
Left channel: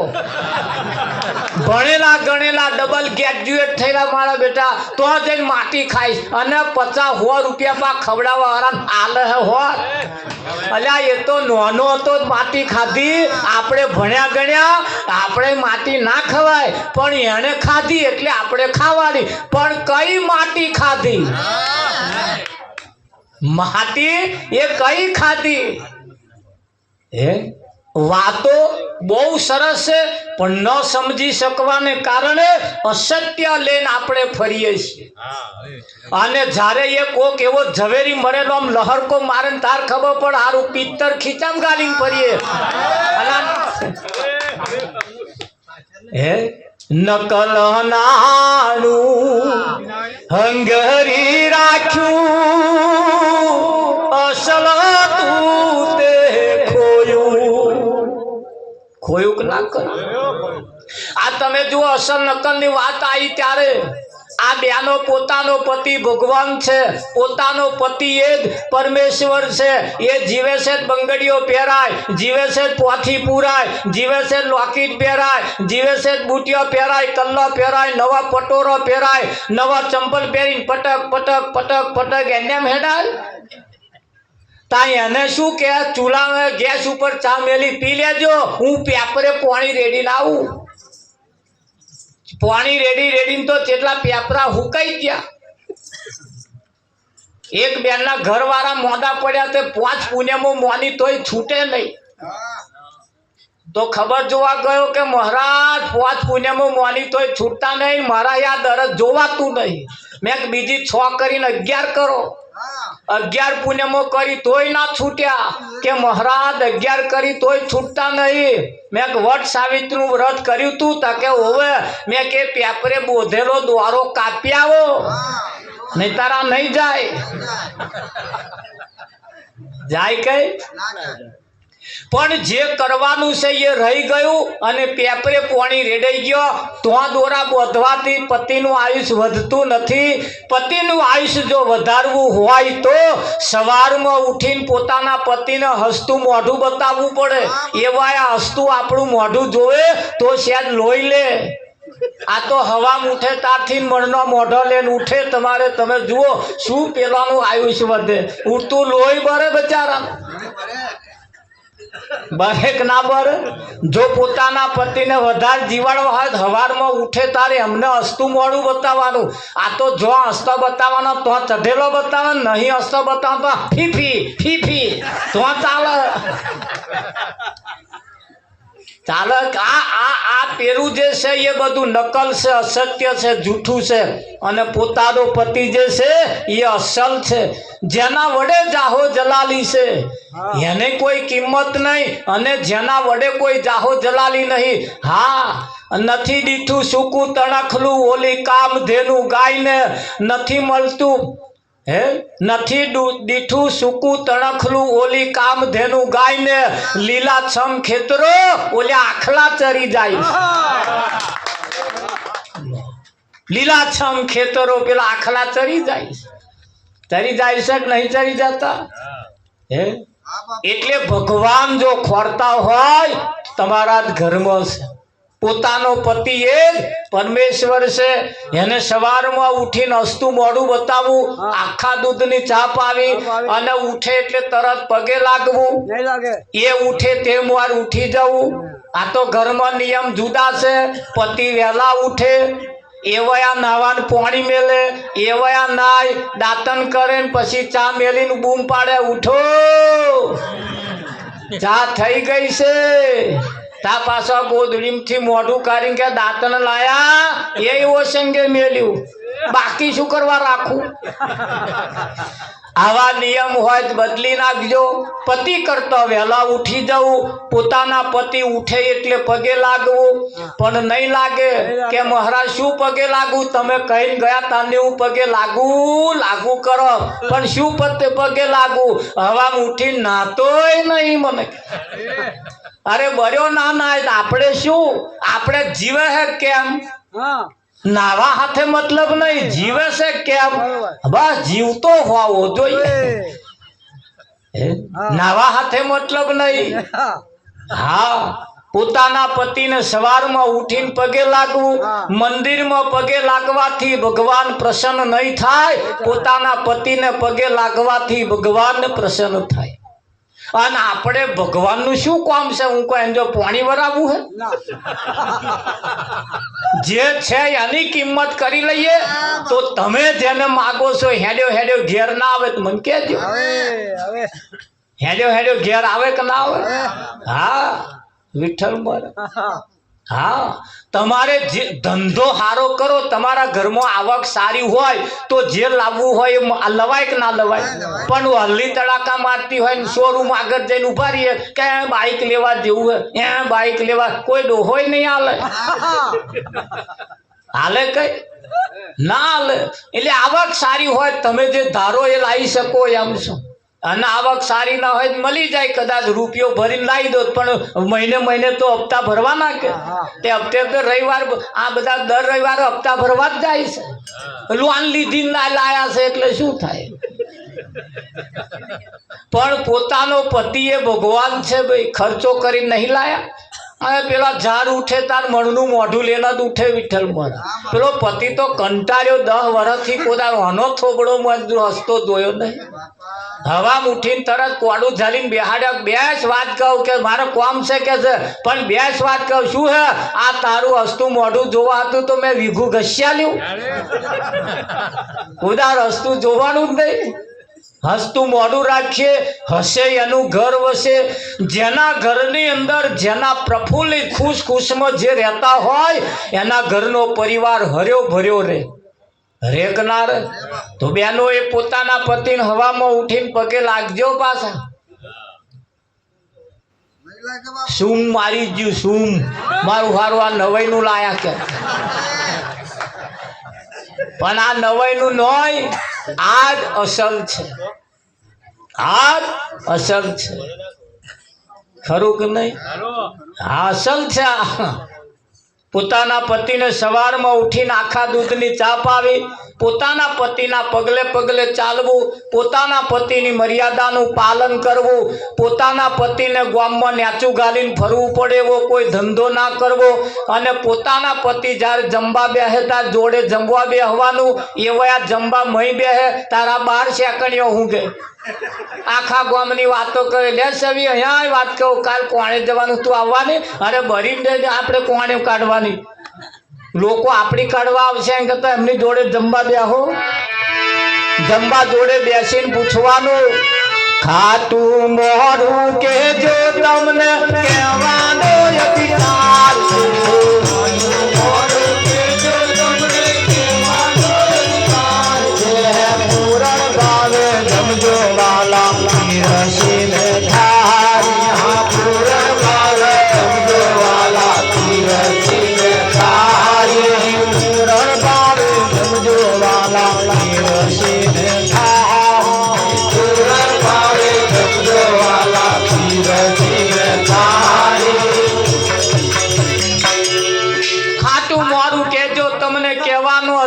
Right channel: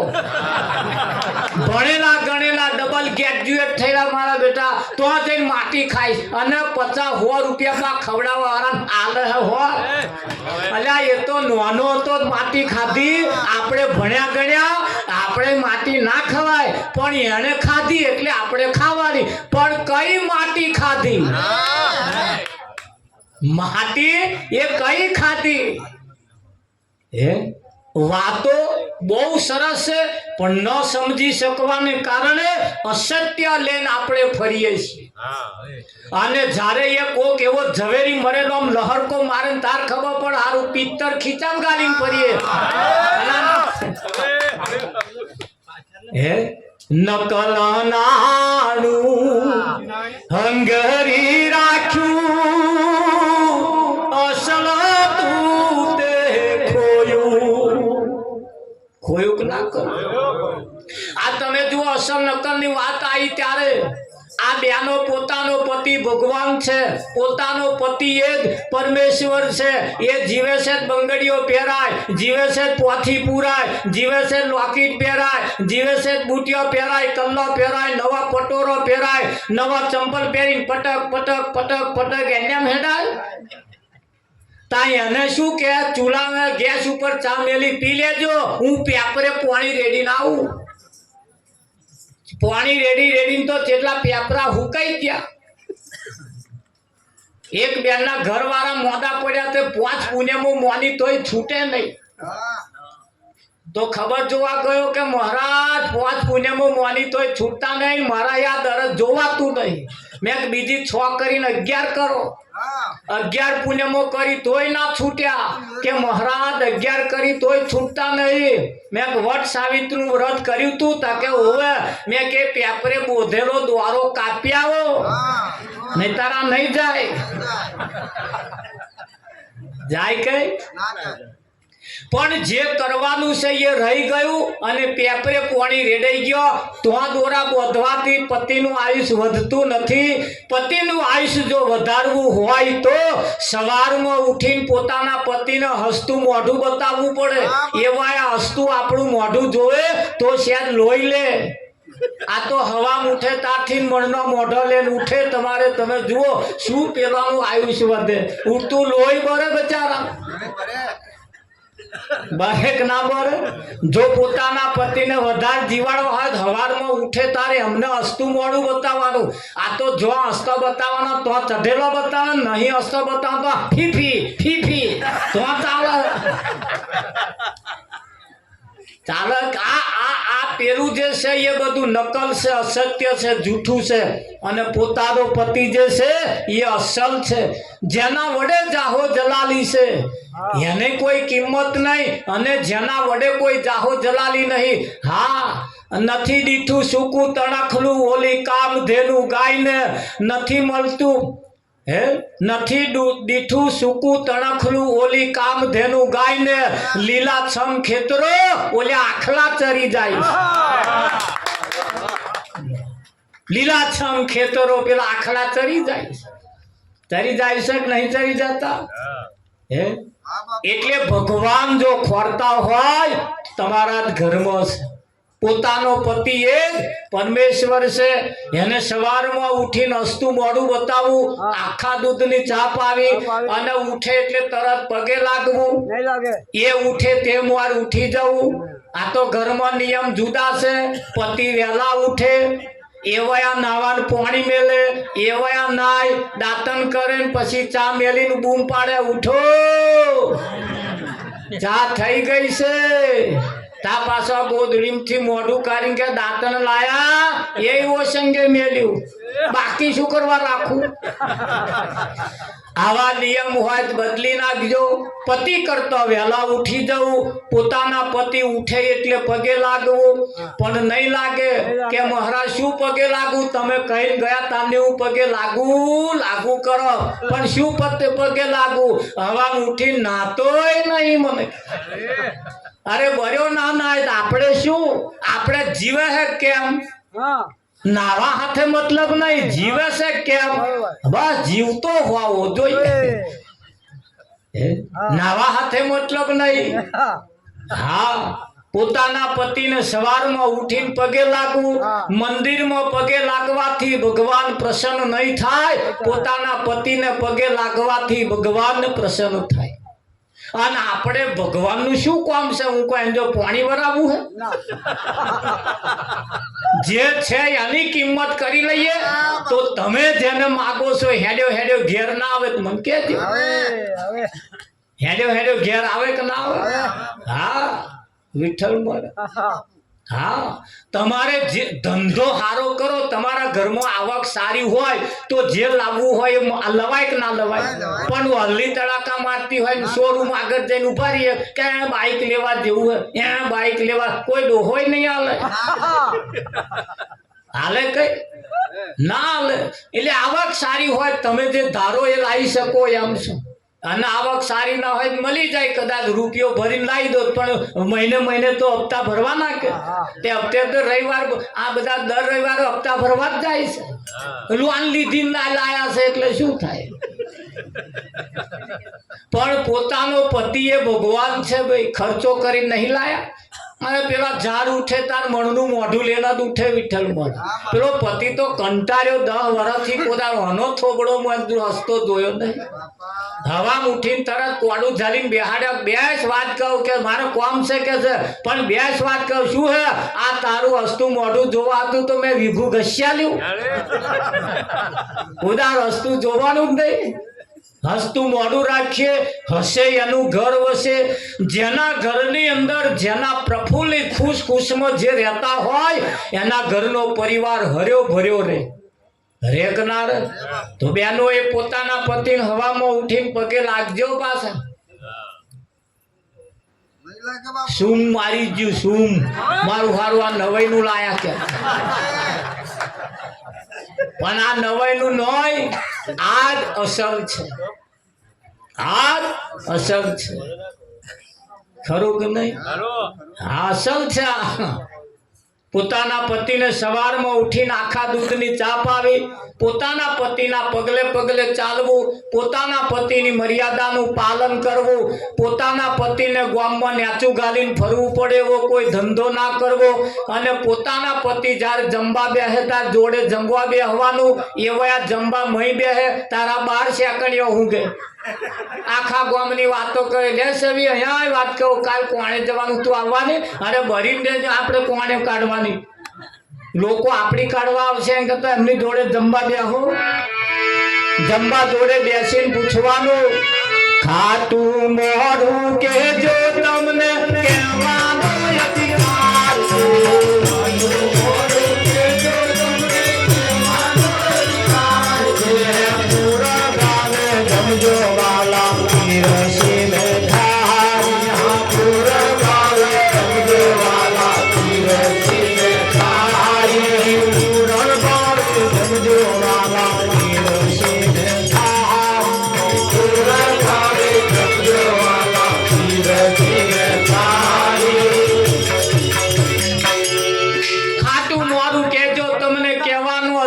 ભણેલા ગણેલા ડબલ ગ્રેજ્યુએટ થયેલા મારા બેટા તો જઈને માટી ખાઈશ અને 50-100 રૂપિયા પા ખવડાવવા વાળા આલે હોત. અલ્યા એ તો નાનો હતો માટી ખાધી. આપણે ભણ્યા ગણ્યા, આપણે માટી ના ખવાય પણ એને ખાધી એટલે આપણે ખાવાની. પણ કઈ માટી ખાધી? માટી એ કઈ ખાધી? હે વાતો બહુ સરસ છે પણ ન સમજી શકવાને કારણે અસત્ય લઈને આપણે ફરીએ છીએ અને જ્યારે એ કોક એવો ઝવેરી મરેલો આમ લહરકો મારે ને તાર ખબર પડે હારું પિત્તર ખીચામ ગાલીને ફરીએ હે નકલ નાણું હંગરી રાખ્યું અસલ તું તે ખોયું કે ના કર્યું આ તમે જુઓ અસલ નકલ ની વાત આવી ત્યારે આ બેનો પોતાનો પતિ ભગવાન છે પોતાનો પતિ એ જ પરમેશ્વર છે એ જીવે છે બંગડીઓ પહેરાય જીવે છે પોથી પૂરાય જીવે છે લોકેટ પહેરાય જીવે છે બુટિયો પહેરાય કલ્લો પહેરાય નવા પટોરો પહેરાય નવા ચંપલ પહેરીને પટક પટક પટક પટક એને હેડાય તા એને શું કે ચૂલા ગેસ ઉપર ચા મેલી પી લેજો હું પેપરે પાણી રેડીને આવું પાણી રેડી તો કેટલા પેપરા હુકાઈ ગયા એક બેનના ઘરવાળા મોડા પડ્યા તે 5 પુણ્યમાં મોની તોય છૂટે નહીં તો ખબર જોવા ગયો કે મહારાજ 5 પુણ્યમાં મોની તોય છૂટતા નહીં મારા યાદ દરજ જોવાતું નહીં મેં બીજી 6 કરીને 11 કરો 11 પુણ્યમાં કરી તોય ના છૂટ્યા કે મહારાજ 11 કરી તોય છૂટતા નહીં મેં વટ સાવિત્રીનું વ્રત કર્યું તું કે હોવે મેં કે પેપરે બોધેલો દ્વારો કાપી આવો નહીં તારા નહીં જાય કઈ પણ જે કરવાનું છે એ રહી ગયું અને પેપરે પાણી રેડાઈ ગયો તો દોરા બોધવાથી પતિનું આયુષ્ય વધતું નથી પતિનું આયુષ્ય જો વધારવું હોય તો સવારમાં ઉઠીને પોતાના પતિને હસતું મોઢું બતાવવું પડે એવા હસતું આપણું મોઢું જોવે તો શાયદ લોહી લે આ તો હવા ઉઠે તારથી મણનો મોઢો લઈને ઉઠે તમારે તમે જુઓ શું પેલાનું આયુષ્ય વધે ઉઠતું લોહી ભરે બચારા બહેક ના બર જો પોતાના પતિને વધારે જીવાડવા હોય હવારમાં ઉઠે તારે અમને હસતું મોડું બતાવવાનું આ તો જો હસતો બતાવવાનો તો ચઢેલો બતાવવાનો નહીં હસતો બતાવવાનો તો ફીફી ફીફી તો ચાલે આ પેલું જે છે એ બધું નકલ છે અસત્ય છે જૂઠું છે અને પોતાનો પતિ જે છે એ અસલ છે જેના વડે જાહો જલાલી છે એને કોઈ કિંમત નહીં અને જેના વડે કોઈ જાહો જલાલી નહીં હા નથી દીઠું સૂકું તણખલું ઓલી કામ ધેનું ગાયને નથી મળતું હે નથી દીઠું સૂકું તણખલું ઓલી કામ ધેનું ગાયને લીલાછમ ખેતરો ઓલે આખલા ચરી જાય લીલાછમ ખેતરો પેલા આખલા ચરી જાય છે કે નહીં ચરી જતા હે એટલે ભગવાન જો ખોરતા હોય તમારા ઘરમાં છે પોતાનો પતિ એ પરમેશ્વર છે એને સવારમાં ઉઠીને હસતું મોઢું બતાવવું આખા દૂધની ચા પાવી અને ઉઠે એટલે તરત પગે લાગવું એ ઉઠે તેમ વાર ઉઠી જવું આ તો ઘરમાં નિયમ જુદા છે પતિ વહેલા ઉઠે એવયા નાવાનું પાણી મેલે એવયા નાય દાંતન કરે પછી ચા મેલીને બૂમ પાડે ઉઠો ચા થઈ ગઈ છે તા પાછા ગોદડીમથી મોઢું કાઢીને કે દાંતન લાયા એ ઓસંગે મેલ્યું બાકી શું કરવા રાખું આવા નિયમ હોય બદલી નાખજો પતિ કરતા વહેલા ઉઠી જવું પોતાના પતિ ઉઠે એટલે પગે લાગવું પણ નહીં લાગે કે મહારાજ શું પગે લાગવું તમે કહી ગયા તાને હું પગે લાગુ કરો પણ શું પગે લાગુ હવા ઉઠી નાતોય નહીં મને અરે બર્યો ના આપણે શું આપણે જીવે હે કેમ નાવા હાથે મતલબ નહીં જીવે છે કેમ બસ જીવતો હોવો જોઈએ નાવા હાથે મતલબ નહીં હા પોતાના પતિને સવારમાં ઉઠીને પગે લાગવું મંદિરમાં પગે લાગવાથી ભગવાન પ્રસન્ન નહીં થાય પોતાના પતિને પગે લાગવાથી ભગવાન પ્રસન્ન થાય અને આપણે ભગવાનનું શું કામ છે હું કોઈ જો પાણી વરાવું હે જે છે એની કિંમત કરી લઈએ તો તમે જેને માગો છો હેડ્યો ઘેર ના આવે તો મને કહેજો હેડ્યો ઘેર આવે કે ના આવે? હા, વિઠ્ઠલ મારે. હા, તમારે જે ધંધો સારો કરો, તમારા ઘરમાં આવક સારી હોય તો જે લાવવું હોય એ લવાય કે ના લવાય? પણ હલ્લી તડાકા મારતી હોય ને શોરૂમ આગળ જઈને ઉભા રહીએ કે બાઇક લેવા જેવું હોય, બાઇક લેવા, કોઈ ડોહોય નહીં હાલે. હાલે કઈ ના હાલે. એટલે આવક સારી હોય, તમે જે ધારો એ લાવી શકો એમ છો. અને આવક સારી ના હોય મળી જાય, કદાચ રૂપિયો ભરીને લાવી દો, પણ મહિને તો હપ્તા ભરવાના કે તે હપ્તે રવિવાર આ બધા દર રવિવારે હપ્તા ભરવા જ જાય છે. લોન લીધી લાયા છે એટલે શું થાય? પણ પોતાનો પતિ એ ભગવાન છે ભાઈ, ખર્ચો કરી નહીં લાયા. અને પેલા ઝાડ ઉઠે તાર મણનું મોઢું લેલા જ ઉઠે વિઠ્ઠલ મારે. પેલો પતિ તો કંટાળ્યો 10 વર્ષથી પોતાનો હનો થોબડો હસતો જોયો નહીં. હવા ઉઠીને તરત કોડું ઝાલીને બેહાડ્યા. બેસ વાત કહું કે મારે કોમ છે કે છે, પણ બેસ વાત કહું શું હે આ તારું હસતું મોઢું જોવા હતું તો મેં વીઘું ઘસ્યા લ્યું. ઉદાર હસતું જોવાનું જ નહીં. હસતું મોઢું રાખીએ, હસે એનું ઘર વસે. જેના ઘરની અંદર જેના પ્રફુલ્લિત ખુશમાં જે રહેતા હોય એના ઘરનો પરિવાર હર્યો ભર્યો રહે. રેકનાર તો બેનો એ પોતાના પતિને હવામાં ઉઠીને પગે લાગજો પાછા. સૂમ મારી ગયું સૂમ, મારું હારું આ નવાઈનું લાયા કે. પણ આ નવાઈનું નોય, આ જ અસલ છે. આ અસલ છે, ખરું કે નહીં? આ અસલ છે. પોતાના પતિને સવારમાં ઉઠીને આખા દૂધની ચા પાવી, પોતાના પતિના પગલે પગલે ચાલવું, પોતાના પતિની મર્યાદાનું પાલન કરવું, પોતાના પતિને ગામમાં નેચું ગાલીને ફરવું પડે એવો કોઈ ધંધો ના કરવો, અને પોતાના પતિ જ્યારે જમવા બેસે તાર જોડે જમવા બેસવાનું. એવા જમવા મહી બેસે તારા 12 સેકન્ડો ઊંઘે. આખા ગામની વાતો કરે, લે સવી અહીંયા વાત કહું, કાલ કોણે જવાનું તું આવવાની? અરે ભરીને આપણે કોણે કાઢવાની? લોકો આપણી કાઢવા આવશે એમ કરતા એમની જોડે જમવા બેહો. જમવા જોડે બેસીને પૂછવાનું, ખાતું મોઢું કેજો તમને કહેવાનો અધિકાર છે.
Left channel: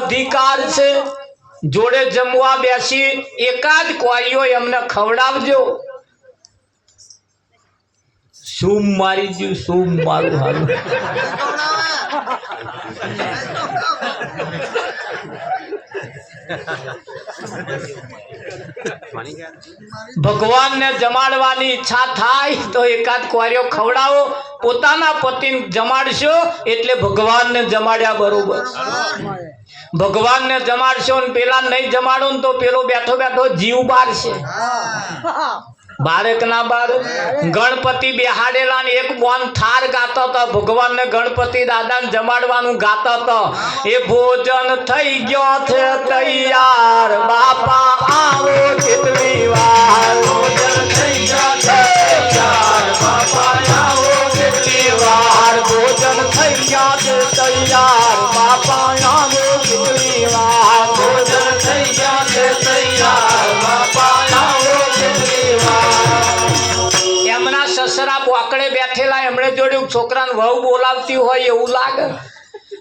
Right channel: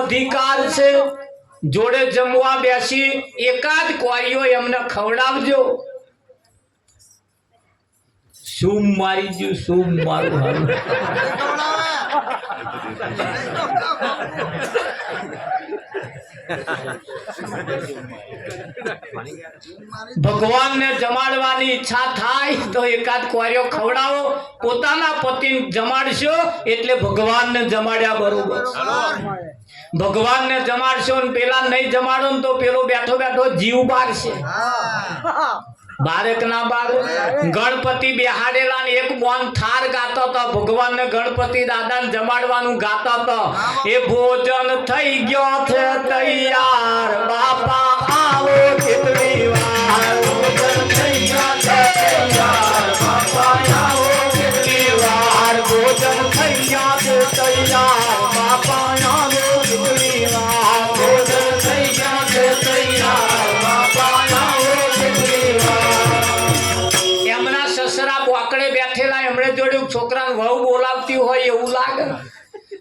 અધિકાર છે. જોડે જમવા બેસી એકાદ કોરીઓ એમને ખવડાવજો. સૂમ મારી ગયું સૂમ, મારું હારું. ભગવાનને જમાડવાની ઈચ્છા થાય તો એકાદ કોરીઓ ખવડાવો. પોતાના પતિને જમાડશો એટલે ભગવાનને જમાડ્યા બરોબર. ભગવાનને જમાડશો ને પેલા નહીં જમાડો ને તો પેલો બેઠો બેઠો જીવ બારશે. બારેક ના બાર ગણપતિ બેહાડેલા ને એક બોન થાર ગાતો હતો. ભગવાનને ગણપતિ દાદાને જમાડવાનું ગાતો હતો. એ ભોજન થઈ ગયો છે તૈયાર, બાપા આવો કેટલી વાર. ભોજન થઈ ગયો છે તૈયાર, બાપા આવો કેટલી વાર. ભોજન થઈ ગયા છે તૈયાર, બાપા આવો કેટલી વાર. ભોજન થઈ ગયા છે તૈયાર, બાપા આવો કેટલી વાર. એમના સસરા બોકડે બેઠેલા, એમણે જોડે છોકરાને વહુ બોલાવતી હોય એવું લાગે.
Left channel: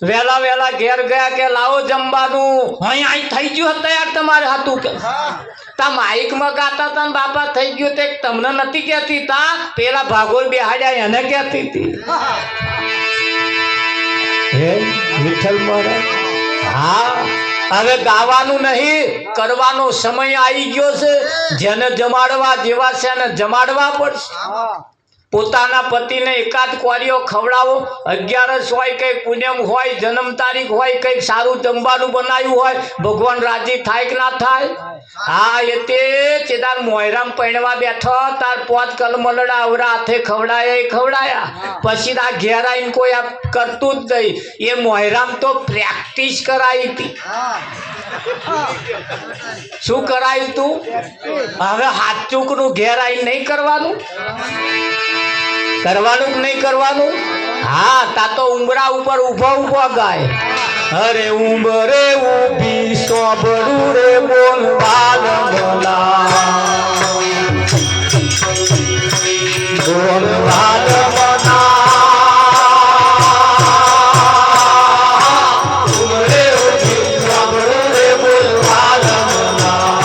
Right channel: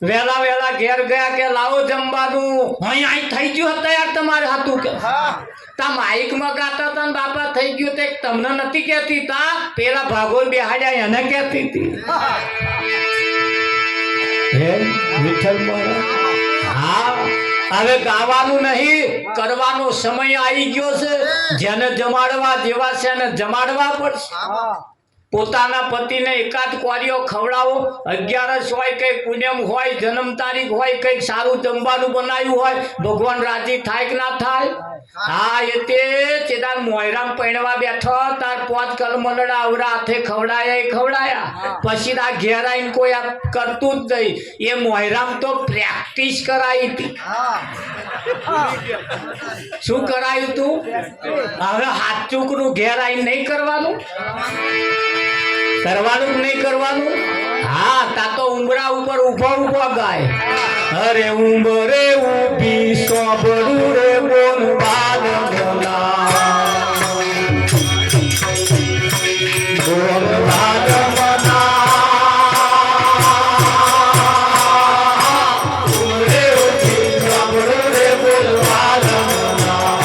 વેલા વેલા ઘેર ગયા કે લાવો જમવાનું. અહીં થઈ ગયું તૈયાર તમારે હતું કે તા માઇક માં ગાતા હતા ને બાપા થઈ ગયું તે તમને નથી કહેતી. તા પેલા ભાગોળ બેહાડ્યા એને કહેતી હતી. હે વિઠ્ઠલ મહારાજ, હા હવે ગાવાનું નહીં, કરવાનો સમય આવી ગયો છે. જેને જમાડવા જેવા છે એને જમાડવા પડશે. પોતાના પતિને એકાદ કોરીઓ ખવડાવો. 11 હોય કંઈક પૂનમ હોય, જન્મ તારીખ હોય, કંઈક સારું જમવાનું બનાવ્યું હોય, ભગવાન રાજી થાય કે ના થાય? હા એ તે ચેદાર મોયરામ પૈણવા બેઠો તાર પોત કલમલડા આવરા હાથે ખવડાયા પછી આ ઘેર આવીને કોઈ આ કરતું જ નહીં. એ મોયરામ તો પ્રેક્ટિસ કરાવી હતી. શું કરાયું તું? હવે હાચુક નું ઘેર આવીને નહીં કરવાનું કે નહીં કરવાનું? હા તા તો ઉંબરા ઉપર ઉભો ગાય. અરે ઉંબરે ઉભી સોબડું રે બોલ વાલમલા બોલ વાલમલા ઉંબરે ઉભી સોબડું રે બોલ વાલમલા.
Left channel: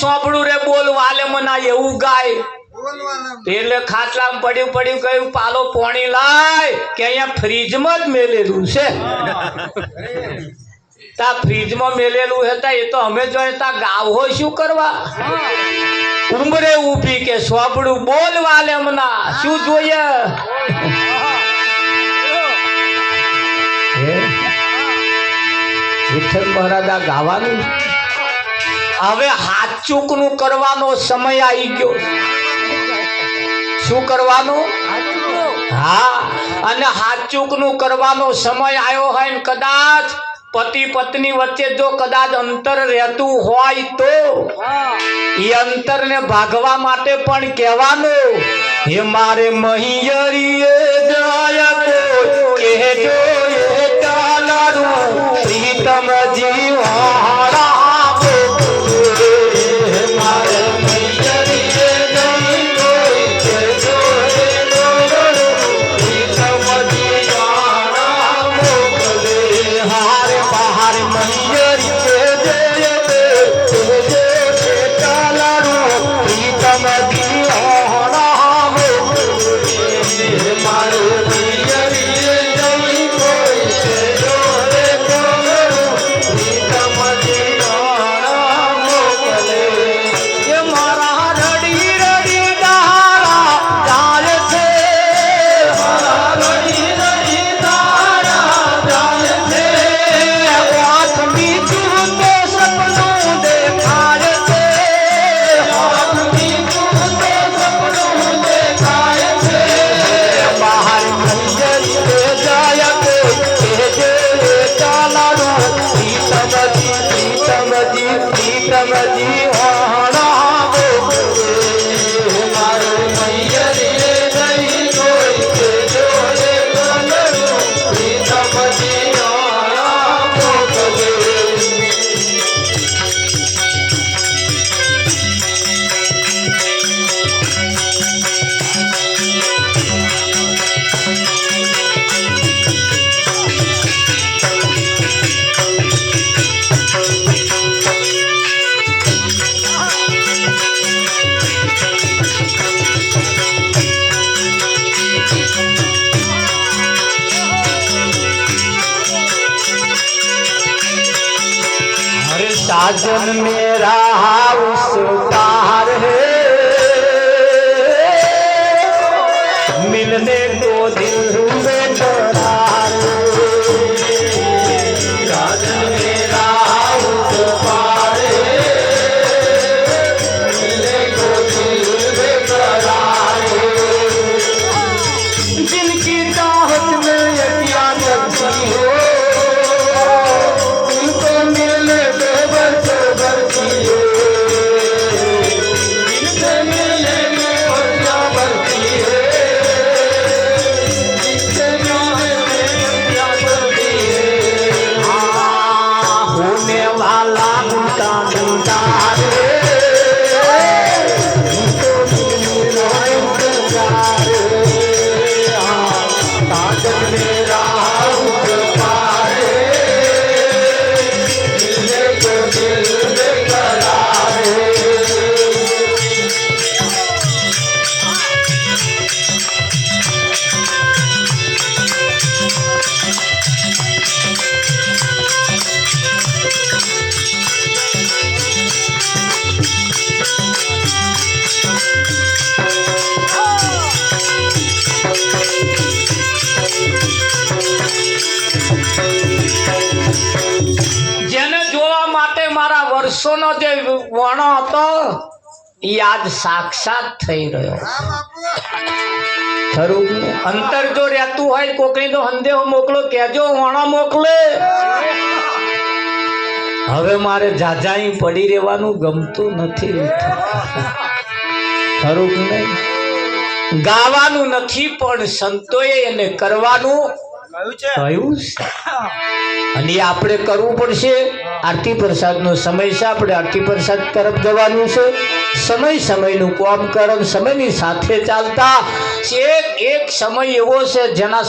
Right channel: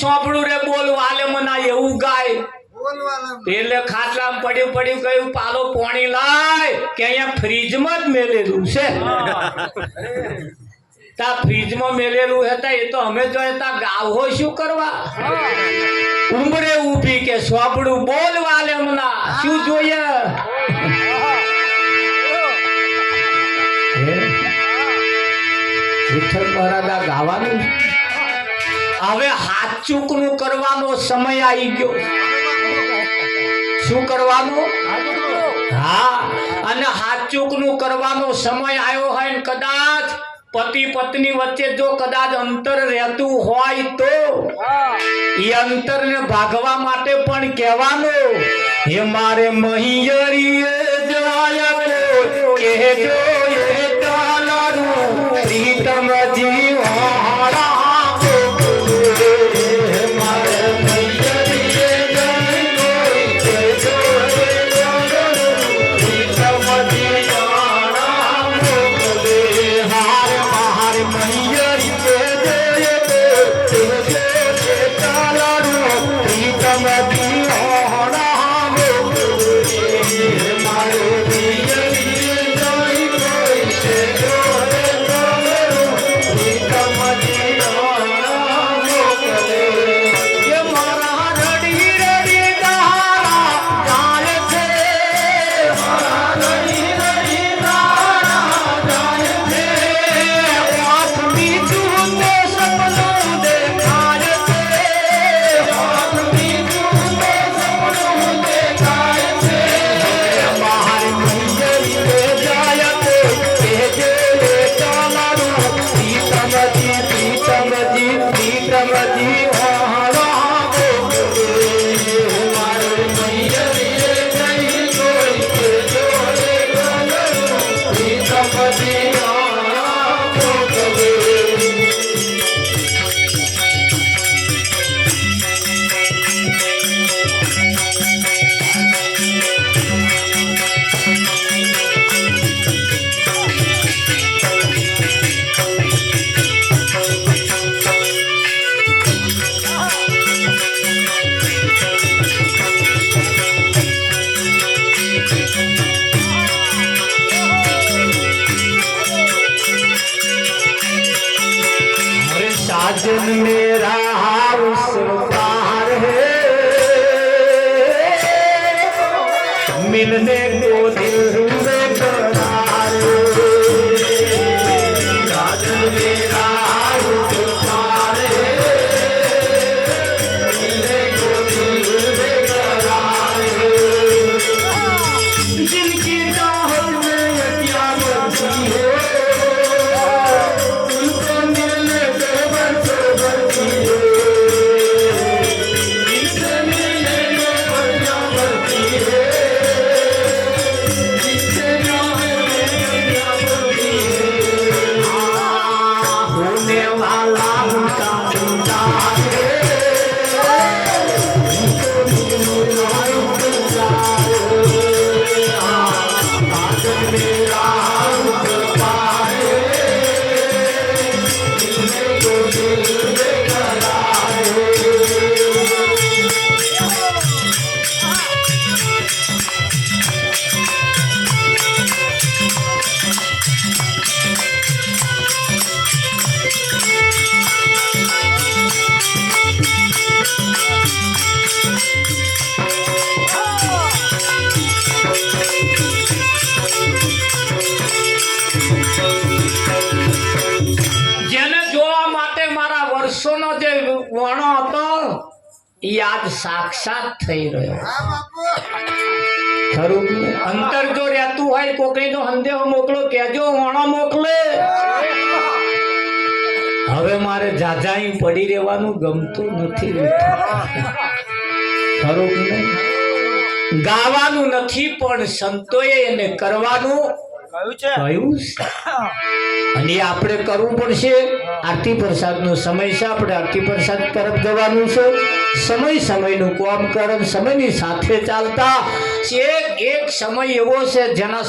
સોંભળું રે બોલ વાલે મના એવું ગાય. એટલે ખાટલામાં પડ્યું કહ્યું પાલો પોણી લાય કે અહીંયા ફ્રીજમાં જ મેલેલું છે. તા ફ્રીજમાં મેલેલું હતા એ તો અમે જોઈએ તા ગાવ હોય શું કરવા? ઉંબરે ઊભી કે સોંભળું બોલ વાલે મના શું જોઈએ? વિઠ્ઠલ મહારાજ ગાવાનું. હવે હાચુક નું કરવાનો સમય આવી ગયો. શું કરવાનો? હા અને હાચુક નું કરવાનો સમય આવ્યો હોય ને કદાચ પતિ પત્ની વચ્ચે જો કદાચ અંતર રહેતું હોય તો એ અંતર ને ભાગવા માટે પણ કહેવાનું હે મારે મહિયરીએ જાય કોઈ કહેજો એ ચાલરું પ્રીતમ જીવાળા. साजन मेरा उसकार है मिलने को दिल में करार साजन मेरा उसकार है मिलने को दिल में करार जिनकी चाहत में यकिया लगती हो उनको मिलने को बरसो बरसी हो ઈ આજ સાક્ષાત થઈ રહ્યો ખરું કે નહીં? અંતર જો રહેતું હોય કોકની તો સંદેહો મોકલો કેજો વાણા મોકલે હવે મારે જાજાઈ પડી રહેવાનું ગમતું નથી ખરું કે નહીં? ગાવાનું નથી પણ સંતોએ એને કરવાનું કહ્યું છે અને આપણે કરવું પડશે. આરતી પ્રસાદનો સમય છે, આપણે આરતી પ્રસાદ તરફ જવાનું છે. સમય સમયનું કામ કરો, સમયની સાથે ચાલતા એક સમય એવો છે જેના